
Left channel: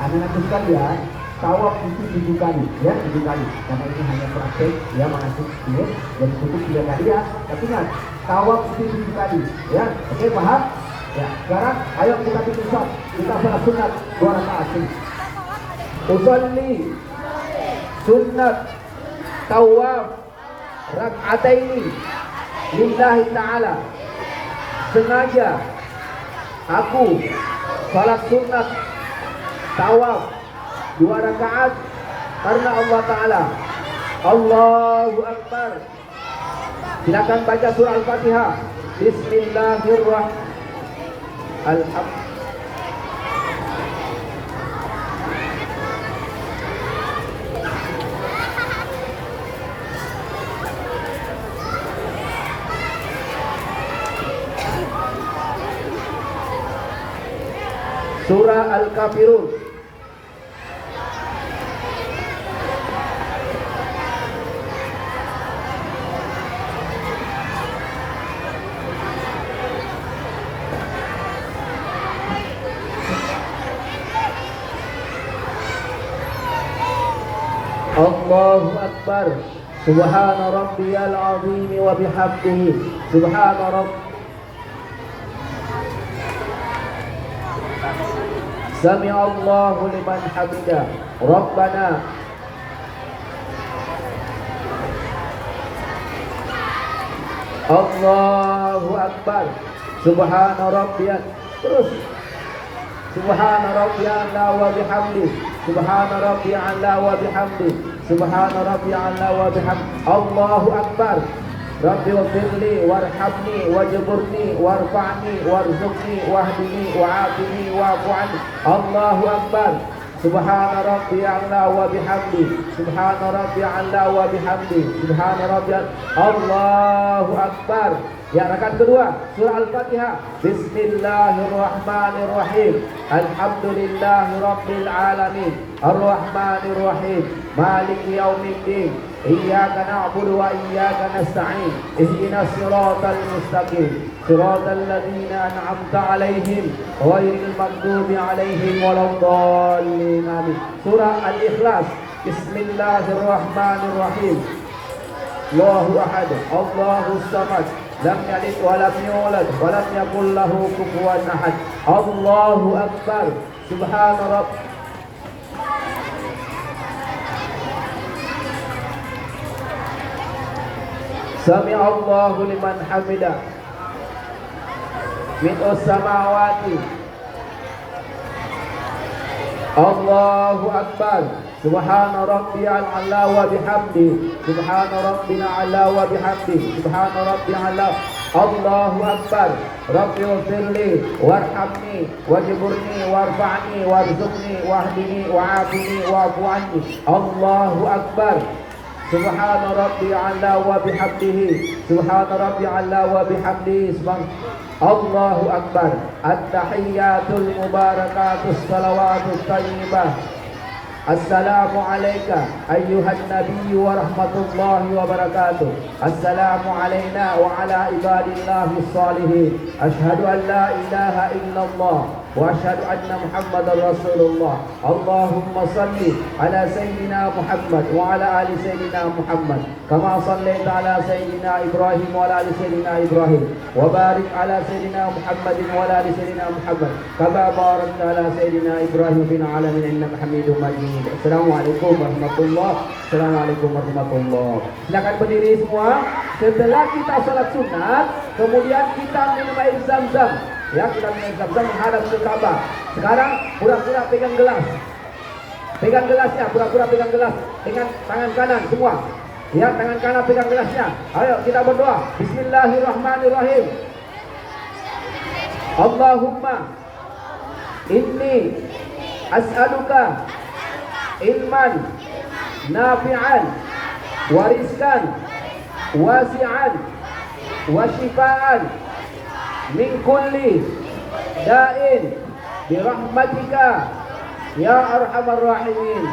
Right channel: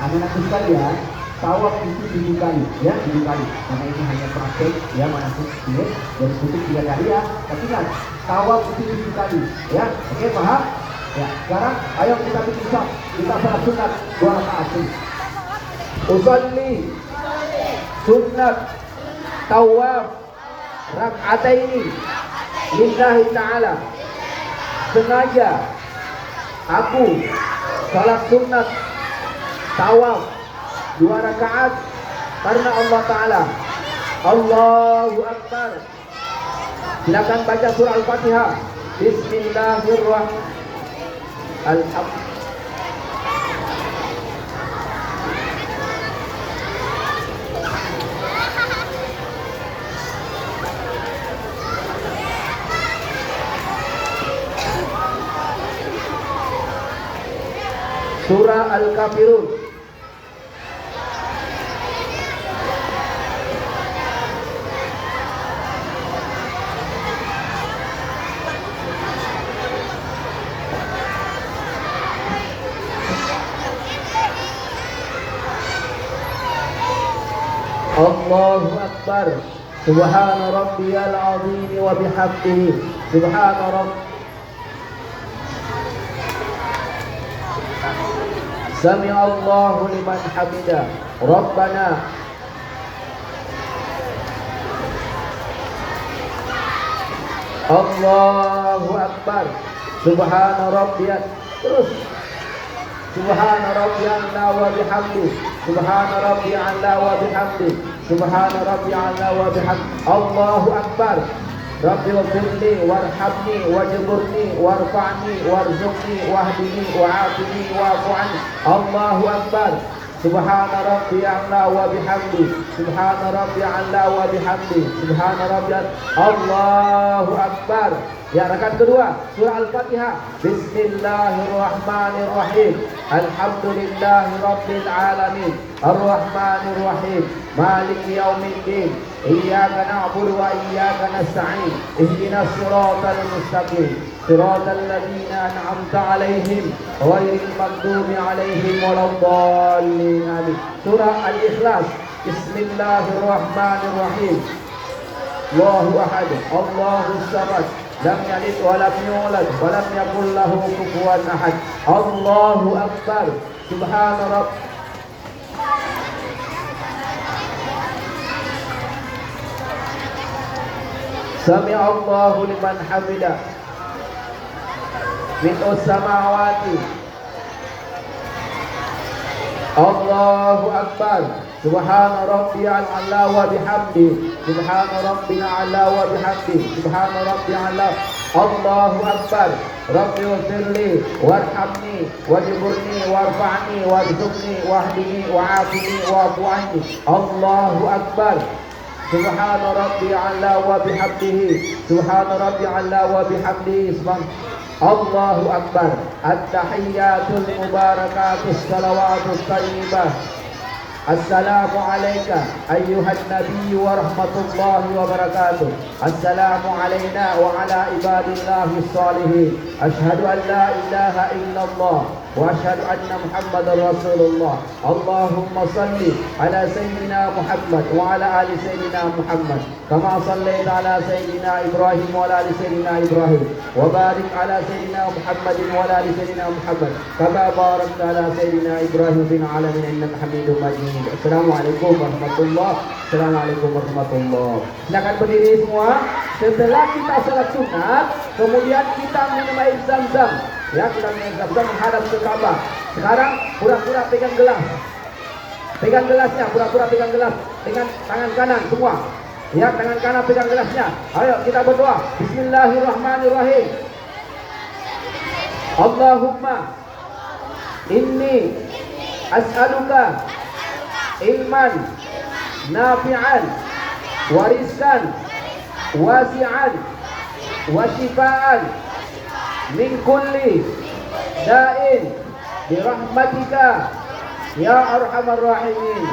Anak-anakku sekalian, tawaf itu 7 kali, ya 7 kali. Karena ini hanya praktek, ya manasik ini jadi tutup 3 kali ya. Tapi ingat, tawaf itu 7 kali, ya. Oke, paham? Ya, sekarang ayo kita bikin shot. Kita salat sunat 2 rakaat. Usolli sunat tawaf rak'ataini lillahi ta'ala. Sengaja aku salat sunat tawaf 2 rakaat karena Allah Ta'ala. Allahu Akbar. Silakan baca surah Al-Fatihah. Bismillahirrahmanirrahim. Surah Al-Kafirun. Allahu Akbar. Subhana rabbiyal azim wa bihamdihi. Subhana rabb. Sami Allahu liman hamidah. Rabbana Allahu Akbar. Subhana rabbiyal. Terus. Subhana rabbiyal a'la wa bihamdi. Subhana rabbiyal a'la wa bihamdi. Subhana rabbiyal a'la wa bihamdi. Allahu Akbar. Rabbi ighfirli warhamni wajburni warfa'ni warzuqni wahdini wa'afini wa'fu anni. Allahu Akbar. Subhana rabbiyal a'la wa bihamdi. Subhana rabbiyal a'la wa bihamdi. Subhana rabbiyal. Allahu Akbar. Ya, rakaat kedua, surah Al-Fatihah. Bismillahirrahmanirrahim. Alhamdulillahi rabbil alamin. Ar-Rahmanir-Rahim. Maliki yaumiddin. Iyyaka na'budu wa iyyaka nasta'in. Ihdinas siratal mustaqim. Siratal ladzina an'amta 'alaihim ghairil maghdubi 'alaihim waladdallin. Amin. Surah Al-Ikhlas. Bismillahirrahmanirrahim. Allahu ahad. Allahus samad. Lam yalid wa lam yulad wa lam yakul lahu kufuwan ahad. Allahu Akbar. Subhana rabb. Sami Allahu liman hamidah. Mil'us samawati. Allahu Akbar. Subhana rabbiyal a'la wa bihamdi. Subhana rabbina a'la wa bihamdi. Subhana rabbiyal a'la. Allahu Akbar. Rabbi ighfirli warhamni wajburni warfa'ni warzuqni wahdini wa'afini wa'fu anni. Allahu Akbar. Subhana rabbil a'la wa bihamdihi. Subhana rabbil a'la wa bihamdihi. Allahu akbar. At-tahiyyatul mubarakatus salawatus thayyibah. Assalamu alayka ayyuhan nabiy wa rahmatullahi wa barakatuh. Assalamu alayna wa ala ibadillahi salihin. Ashhadu an la ilaha illallah wa ashhadu anna Muhammadar Rasulullah. Allahumma salli ala sayyidina Muhammad wa ala ali sayyidina Muhammad kama sallaita ala sayyidina Ibrahim wa ala ali sayyidina Ibrahim wa barik ala sayyidina Muhammadin wa ala ali sayyidina Muhammad kama barakta ala sayyidina Ibrahim fil alamin innaka Hamidum Majid. Assalamualaikum warahmatullahi wabarakatuh. Assalamualaikum warahmatullahi wabarakatuh. Silakan berdiri semua. Setelah kita salat sunat, kemudian kita minum air zam-zam. Ya, kita minum zam-zam menghadap ke Ka'bah. Sekarang pura-pura pegang gelas. Pegang gelasnya, pura-pura pegang gelas dengan tangan kanan semua. Ya, tangan kanan pegang gelasnya. Ayo kita berdoa. Bismillahirrahmanirrahim. Allahumma inni as'aluka ilman nafi'an wa rizqan wasi'an wa shifaan min kulli da'in birahmatika ya arhamar rahimin.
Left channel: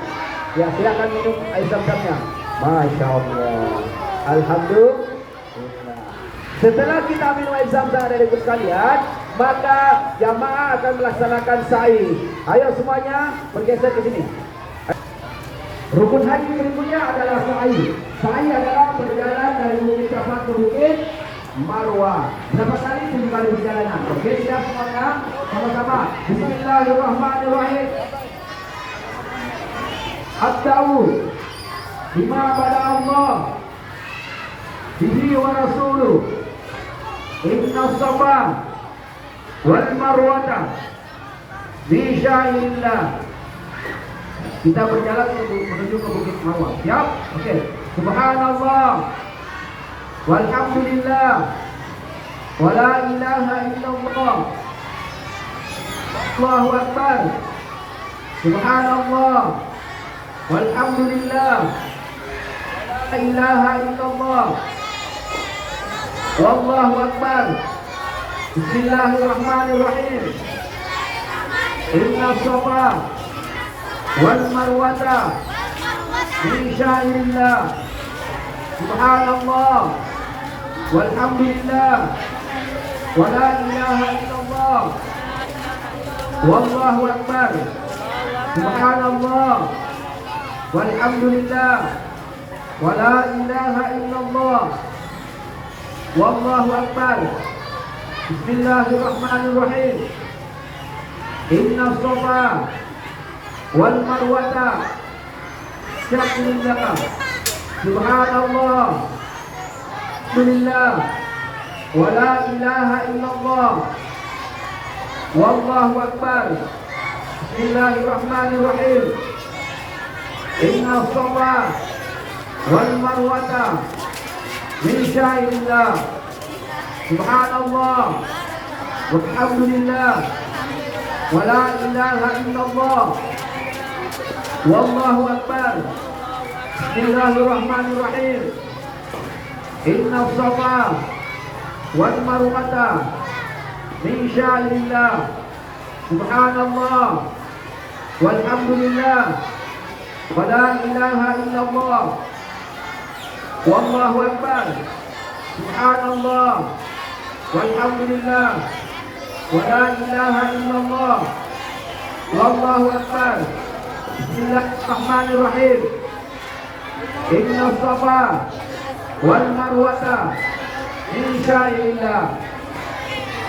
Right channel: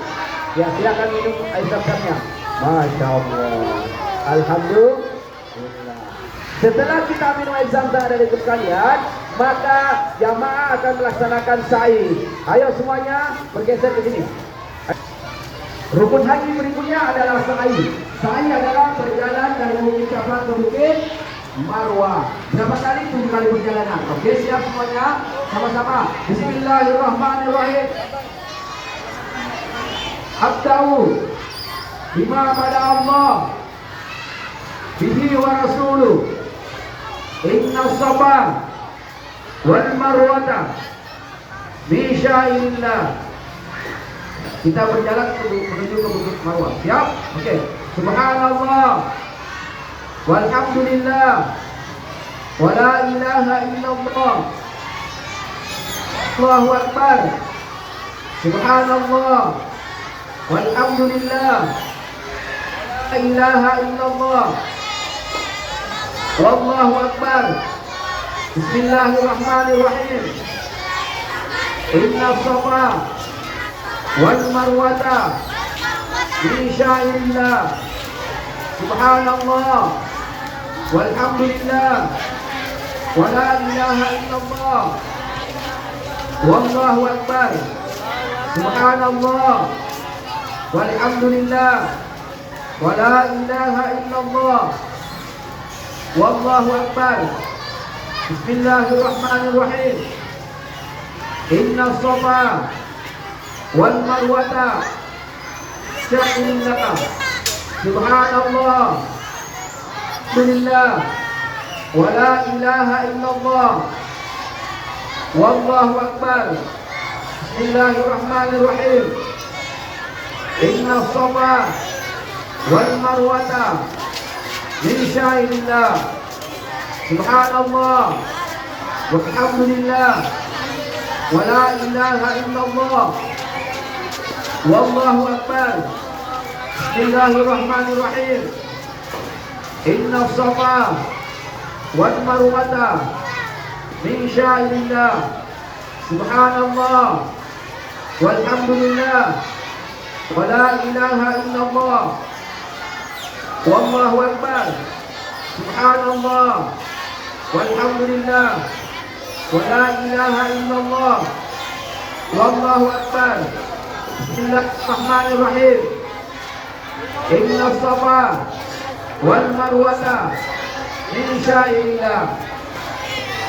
Ya, silakan minum air zam-zamnya. Masya Allah. Alhamdulillah. Setelah kita minum air zam-zam dari sekalian, maka jamaah akan melaksanakan sa'i. Ayo semuanya bergeser ke sini. Rukun haji berikutnya adalah sa'i. Sa'i adalah perjalanan dari Bukit Safa ke Bukit Marwah. Berapa kali? 7 kali perjalanan. Oke, siap semuanya? Sama-sama. Bismillahirrahmanirrahim. Abda'u bima pada Allah bihi wa rasuluh inna safa wal marwata min sya'illah. Kita berjalan menuju ke Bukit Marwah. Siap? Oke. Subhanallah walhamdulillah wa la ilaha illallah. Allahu akbar. Subhanallah walhamdulillah la ilaha illallah. Allahu akbar. Bismillahirrahmanirrahim. Inna safa wal marwata min sya'illah. Subhanallah walhamdulillah wa la ilaha illallah. Wallahu akbar. Subhanallah walhamdulillah wa la ilaha illallah. Wallahu akbar. Bismillahirrahmanirrahim. Inna safa wal marwata sya'illah. Subhanallah walhamdulillah wa la ilaha illallah. Wallahu akbar. Bismillahirrahmanirrahim. Inna safa wal marwata min sya'illah. Subhanallah walhamdulillah wa la ilaha illallah. Wallahu akbar. Bismillahirrahmanirrahim. Inna safa wal marwata min sya'illah. Subhanallah walhamdulillah wa la ilaha illallah. Wallahu akbar. Subhanallah walhamdulillah wa la ilaha illallah. Wallahu akbar. Bismillahirrahmanirrahim. Inna safa wal marwata min sya'illah.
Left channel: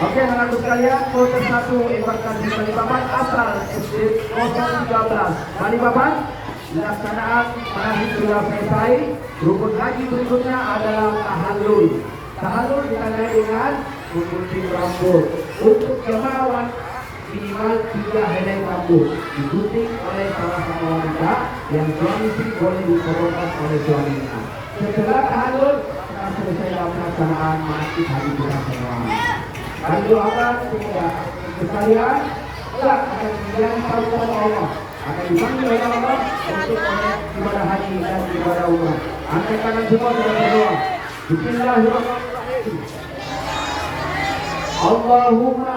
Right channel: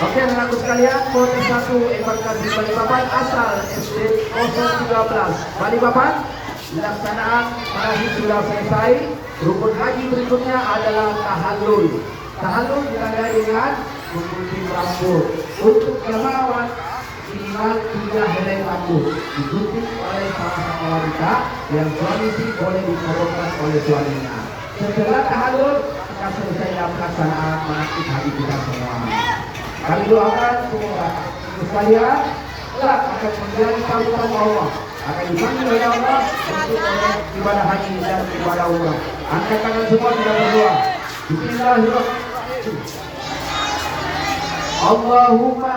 Oke, anak-anak sekalian, foto satu embarkasi Balikpapan asal SD 013 Balikpapan. Pelaksanaan haji sudah selesai. Rukun haji berikutnya adalah tahallul. Tahallul ditandai dengan menggunting rambut. Untuk jamaah minimal 3 helai rambut digunting oleh salah satu wanita, yang suami istri boleh dikorongkan oleh suaminya. Setelah tahallul, kita selesai pelaksanaan manasik haji kita semua. Kami doakan semua itu sekalian kelak akan menjadi panutan Allah. akan dipanggil oleh Allah untuk ibadah haji dan ibadah umrah. Angkat tangan semua kita berdoa. Bismillahirrahmanirrahim. Allahumma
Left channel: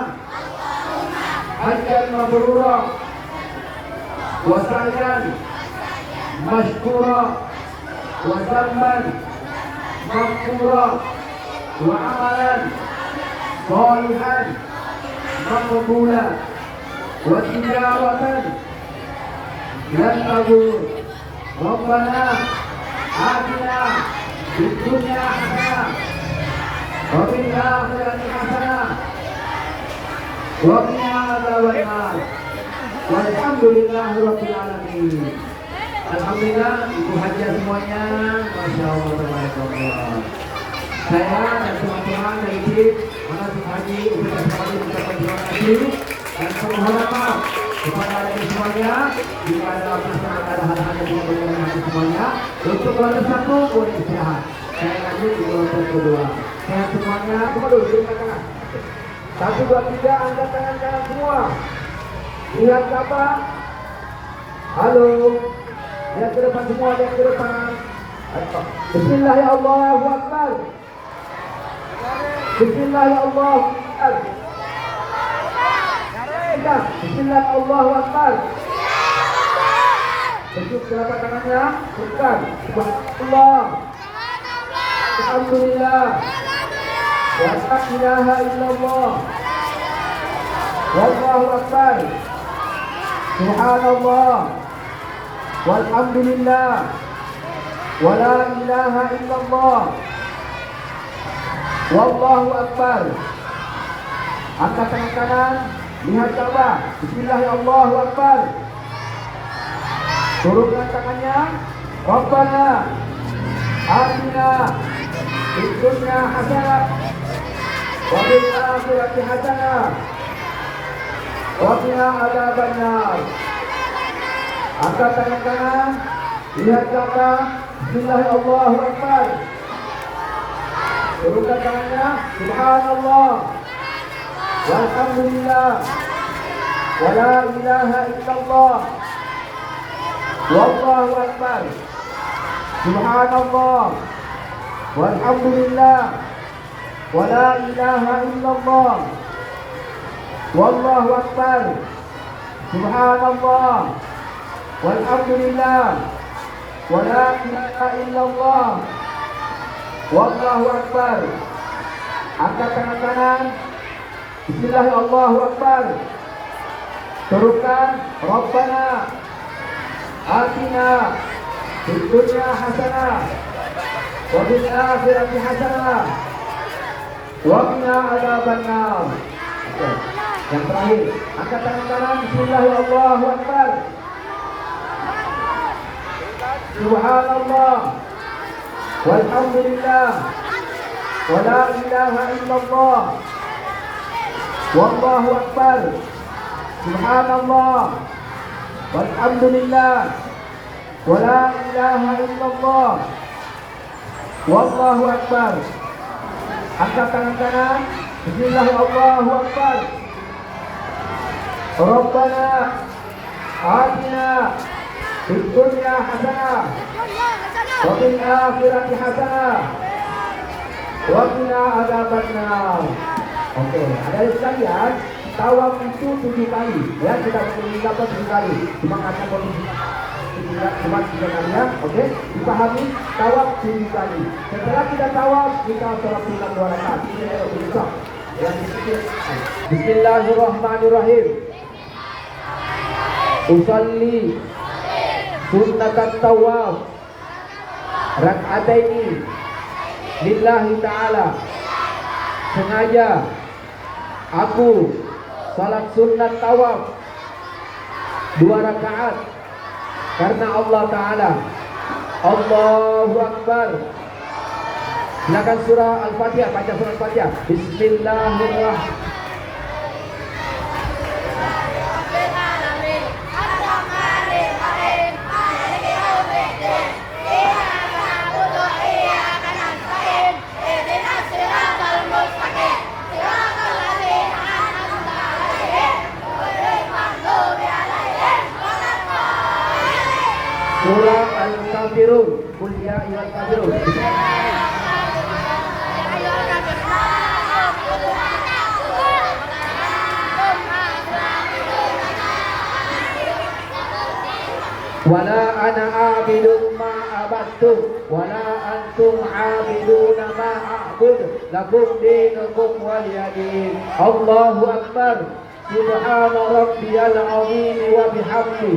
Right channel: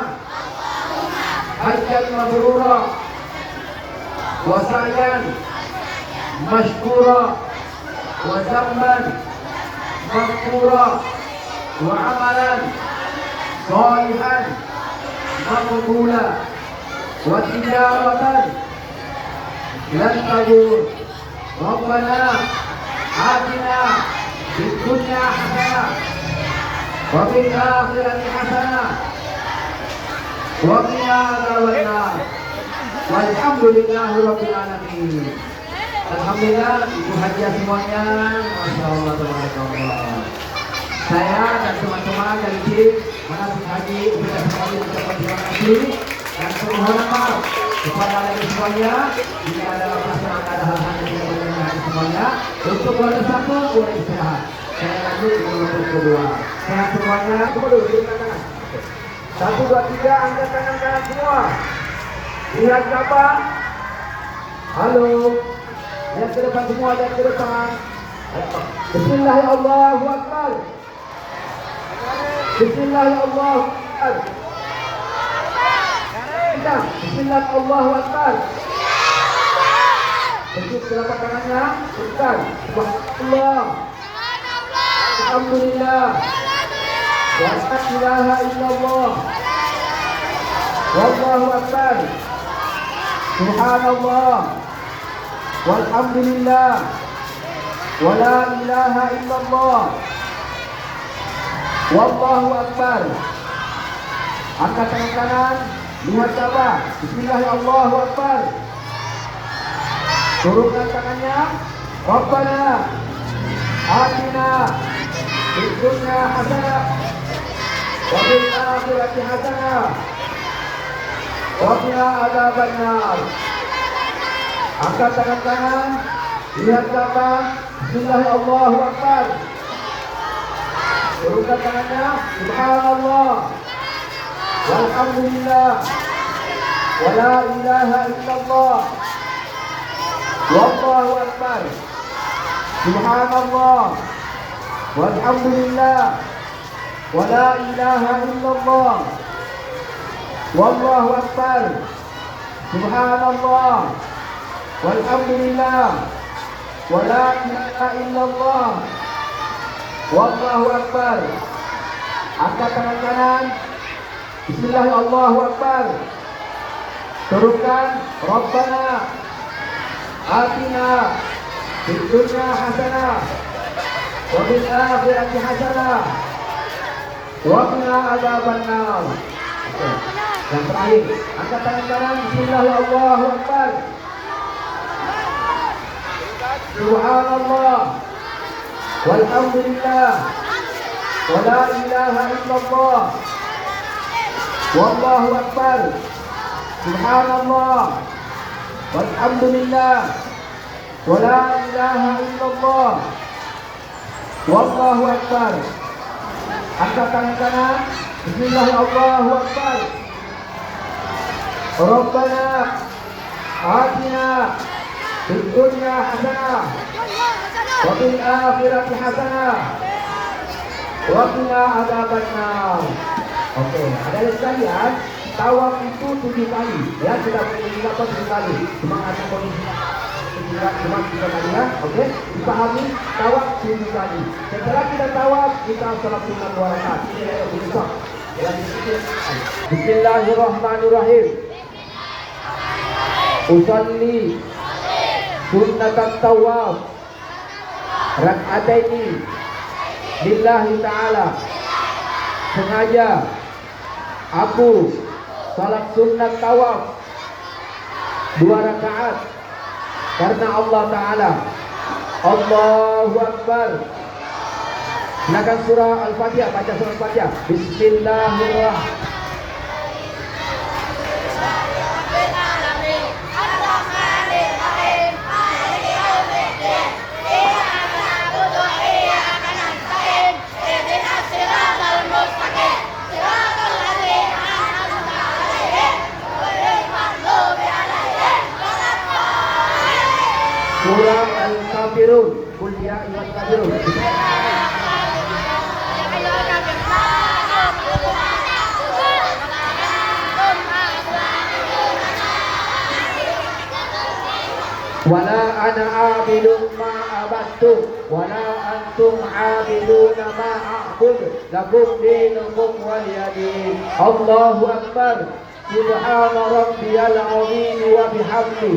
hajjan mabrura wa sa'yan mashkura wa zamban maghfura wa amalan salihan maqbula wa tijaratan lan tabur. Rabbana atina fid dunya hasanah wa fil akhirati hasanah wa qina adzabannar. Walhamdulillahi rabbil alamin. Alhamdulillah, ibu haji semuanya, masya Allah, tabarakallah. Saya dan teman-teman dari tim manasik haji ucapkan terima kasih dan saya mohon maaf kepada lagi semuanya jika ada masalah ada hal-hal yang tidak semuanya. Untuk warga satu boleh istirahat. Saya lanjut di nomor kedua. Saya semuanya semua dulu angkat tangan. 1, 2, 3 angkat tangan kanan semua. Lihat apa? Halo. Lihat ke depan semua, lihat ke depan. Bismillahirrahmanirrahim. Allahu Akbar. Bismillahirrahmanirrahim. Bismillahirrahmanirrahim. Allahu Akbar. Tunjuk telapak tangannya, tekan. Subhanallah. Alhamdulillah. Wa la ilaha illallah. Wallahu Akbar. Subhanallah. Walhamdulillah. Wa la ilaha illallah. Wallahu Akbar. Angkat tangan kanan, lihat Ka'bah. Bismillahirrahmanirrahim. Allahu Akbar. Turunkan tangannya. Rabbana atina fid dunya hasanah wa fil akhirati hasanah wa qina adzabannar. Angkat tangan kanan, lihat Ka'bah. Bismillahirrahmanirrahim. Allahu Akbar. Turunkan tangannya. Subhanallah. Walhamdulillah. Wa la ilaha illallah. Wallahu Akbar. Subhanallah. Walhamdulillah. Wa la ilaha illallah. Wallahu Akbar. Subhanallah. Walhamdulillah. Wa la ilaha illallah. Wallahu Akbar. Angkat tangan kanan. Bismillahirrahmanirrahim. Allahu Akbar. Turunkan. Rabbana atina fid dunya hasanah wa fil akhirati hasanah wa qina adzabannar. Yang terakhir, angkat tangan kanan. Bismillahirrahmanirrahim. Allahu Akbar. Subhanallah. Walhamdulillah. Wa la ilaha illallah. Wallahu Akbar. Subhanallah. Walhamdulillah. Wa la ilaha illallah. Wallahu Akbar. Angkat tangan kanan. Bismillahirrahmanirrahim. Allahu Akbar. Rabbana atina fid dunya hasanah wa fil akhirati hasanah wa qina adzabannar. Oke, ada yang sekalian, tawaf itu 7 kali. Ya, kita mengulangi 7 kali. Cuma ada kondisi cuma 3 kali ya. Oke, dipahami tawaf 7 kali. Setelah kita tawaf, kita salat sunat 2 rakaat. Ini adalah besok. Bismillahirrahmanirrahim. Usalli sunnatat tawaf rak'ataini lillahi ta'ala. Sengaja aku salat sunat tawaf 2 rakaat karena Allah Ta'ala. Allahu Akbar. Silakan surah Al-Fatihah, baca surah Al-Fatihah. Bismillahirrahmanirrahim. Surah Al-Kafirun. Qul ya ayyuhal kafirun. Wala ana abidun ma abattum wala antum abiduna ma a'bud lakum dinukum waliyadin. Allahu akbar. Subhana rabbiyal azim wa bihamdi.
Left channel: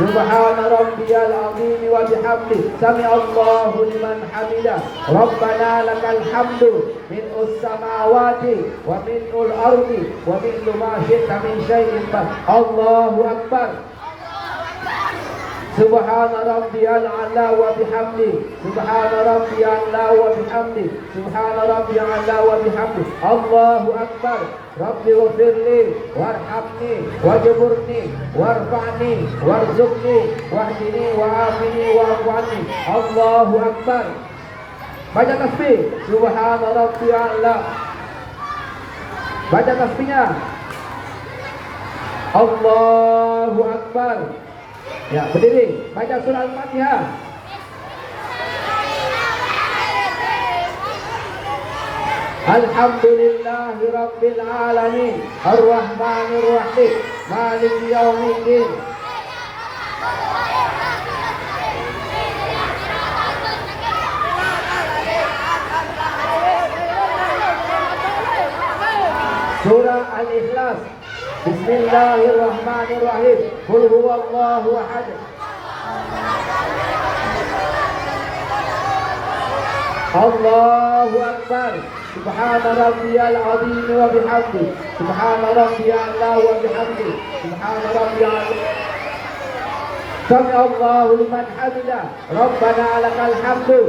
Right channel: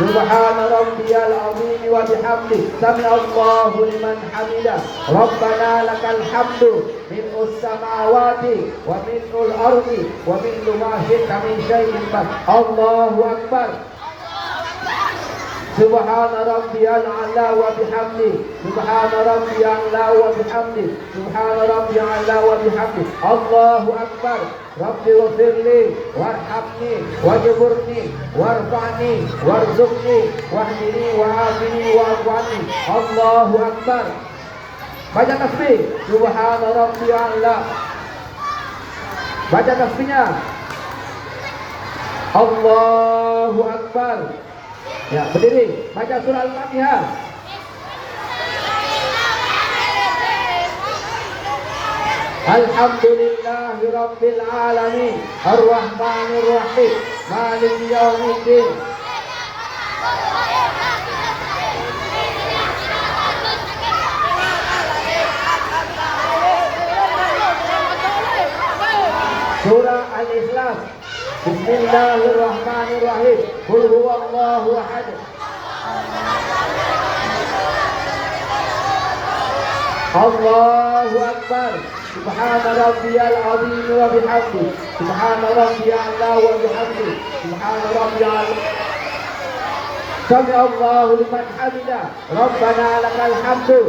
Subhana rabbiyal azim wa bihamdi. Sami Allahu liman hamidah. Rabbana lakal hamdu minus samawati wa minul ardi wa minul ma syi'ta min syai'in. Allahu akbar. Subhana rabbiyal a'la wa bihamdi. Subhana rabbiyal a'la wa bihamdi. Subhana rabbiyal a'la wa bihamdi. Allahu akbar. Rabbi wafirli warhamni wajburni warfa'ni warzuqni wahdini wa'afini wa'afwani. Allahu akbar. Baca tasbih. Subhana rabbiyal a'la. Baca tasbihnya. Allahu akbar. Ya, berdiri. Baca surah Al-Fatihah. Alhamdulillahi Rabbil Alamin Ar-Rahmanir Rahim Maliki Yawmiddin. Surah Al-Ikhlas. Bismillahirrahmanirrahim. Qul huwallahu ahad. Allahu akbar. Subhana rabbiyal azim wa bihamdi. Subhana rabbiyal a'la wa bihamdi. Subhana rabbiyal Sami Allahu liman hamidah. Rabbana lakal hamdu.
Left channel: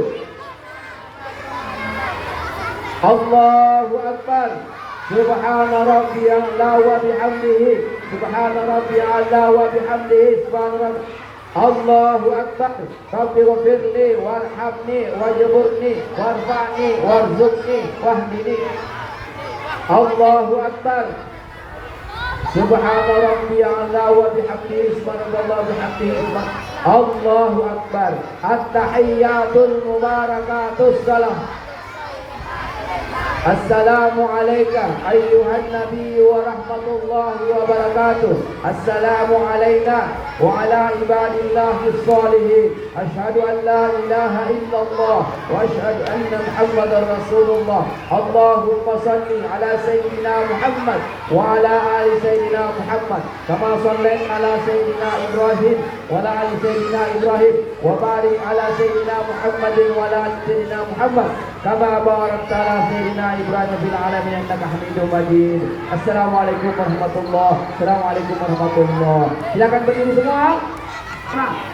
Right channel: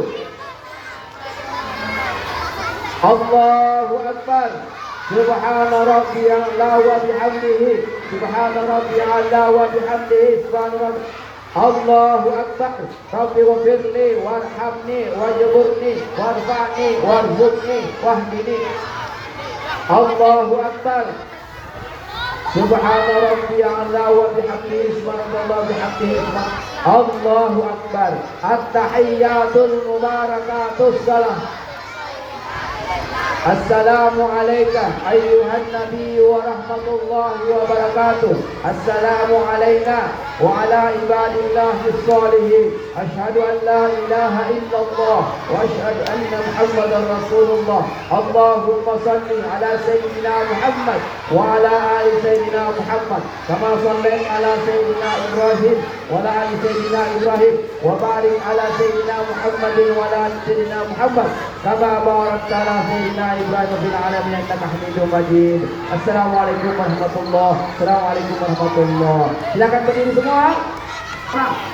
Allahu akbar. Subhana rabbiyal a'la wa bihamdihi. Subhana rabbiyal a'la wa bihamdihi. Subhana Allahu akbar. Rabbi ghfirli warhamni wajburni warfa'ni warzuqni wahdini. Allahu akbar. Subhana rabbiyal a'la wa bihamdihi. Subhanallah bihamdihi. Allahu akbar. At-tahiyyatul mubarakatus salam. Assalamu alayka ayyuhan nabiy wa rahmatullahi wa barakatuh. Assalamu alayna wa ala ibadillahi salihin. Ashhadu an la ilaha illallah wa ashhadu anna Muhammadar Rasulullah. Allahumma salli ala sayyidina Muhammad wa ala ali sayyidina Muhammad kama sallaita ala sayyidina Ibrahim wa ala ali sayyidina Ibrahim wa barik ala sayyidina Muhammadin wa ala ali sayyidina Muhammad kama barakta ala sayyidina Ibrahim fil alamin innaka Hamidum Majid. Assalamualaikum warahmatullahi wabarakatuh. Assalamualaikum warahmatullahi wabarakatuh. Silakan berdiri semua.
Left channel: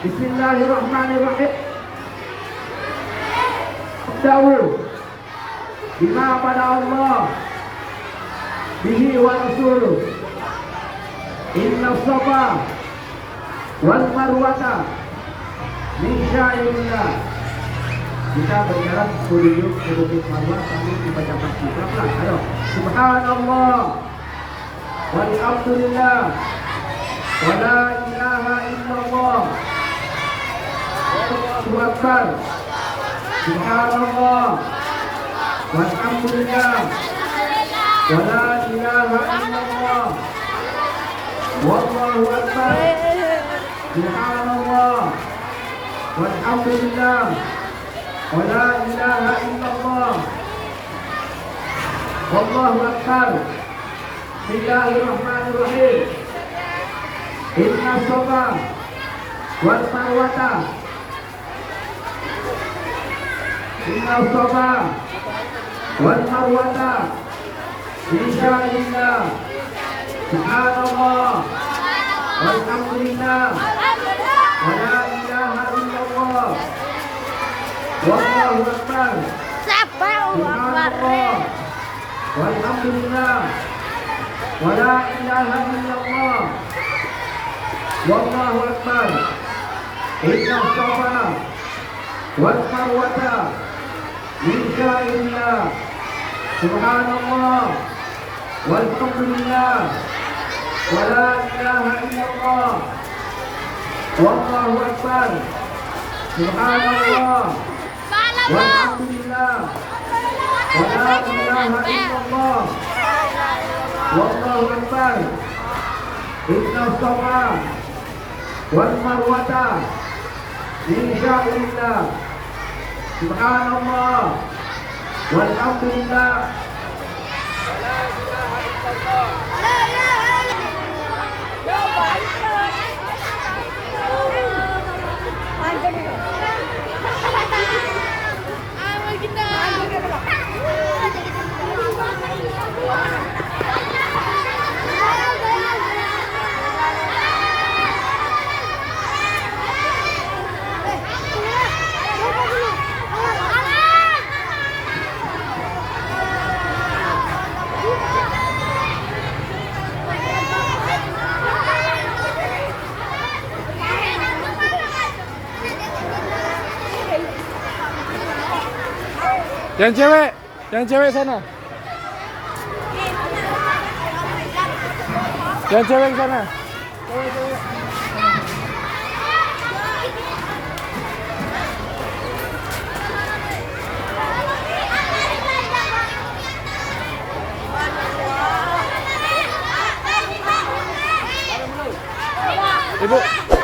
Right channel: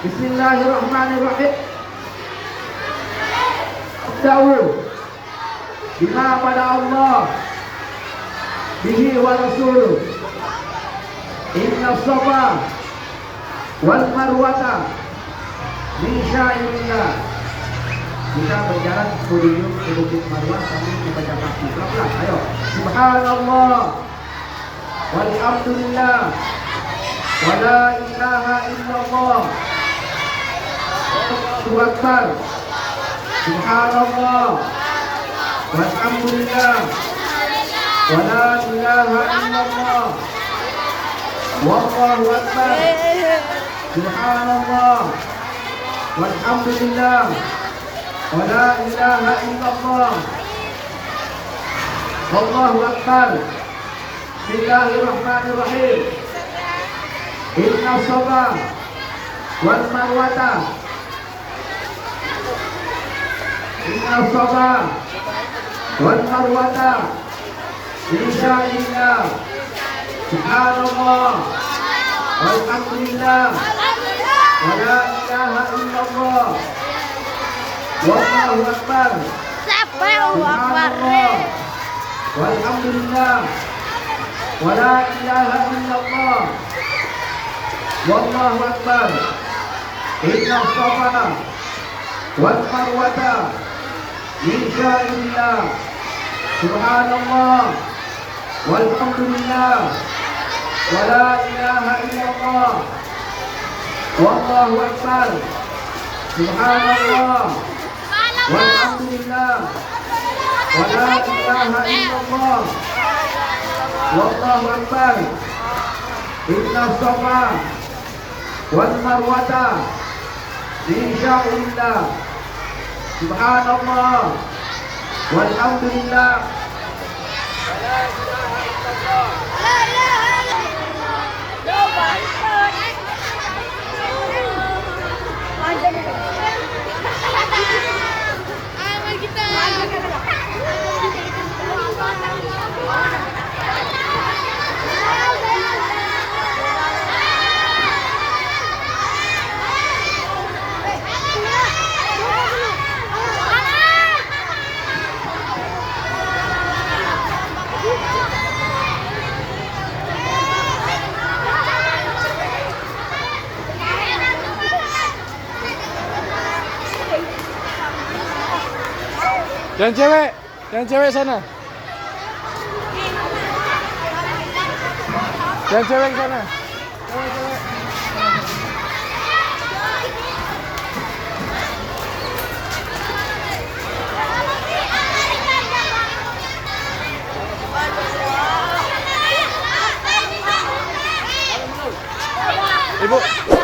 Bismillahirrahmanirrahim. Da'ul bima pada Allah bihi wa rasuluh. Inna safa wal marwata min syairillah. Kita berjalan 10 menit menuju marwah sambil membaca tasbih. Ayo. Subhanallah walhamdulillah wa la ilaha illallah. Allahu akbar. Subhanallah walhamdulillah wa la ilaha illallah. Wallahu akbar. Subhanallah walhamdulillah wa la ilaha illallah. Allahu akbar. Bismillahirrahmanirrahim. Inna safa wal marwata. Inna safa wal marwata min syairillah. Subhanallah walhamdulillah wa la ilaha illallah. Wallahu akbar. Subhanallah walhamdulillah wa la ilaha illallah. Wallahu akbar. Inna safa wal marwata min syairillah. Subhanallah walhamdulillah wa la ilaha illallah. Subhanallah. Wallahu akbar. Subhanallah. Walhamdulillah. Wala ilaha illallah. Wallahu akbar. Inna safa wal marwata min sya'rillah. Subhanallah. Walhamdulillah. Yang cewek sana. Yang cewek sana. Ibu.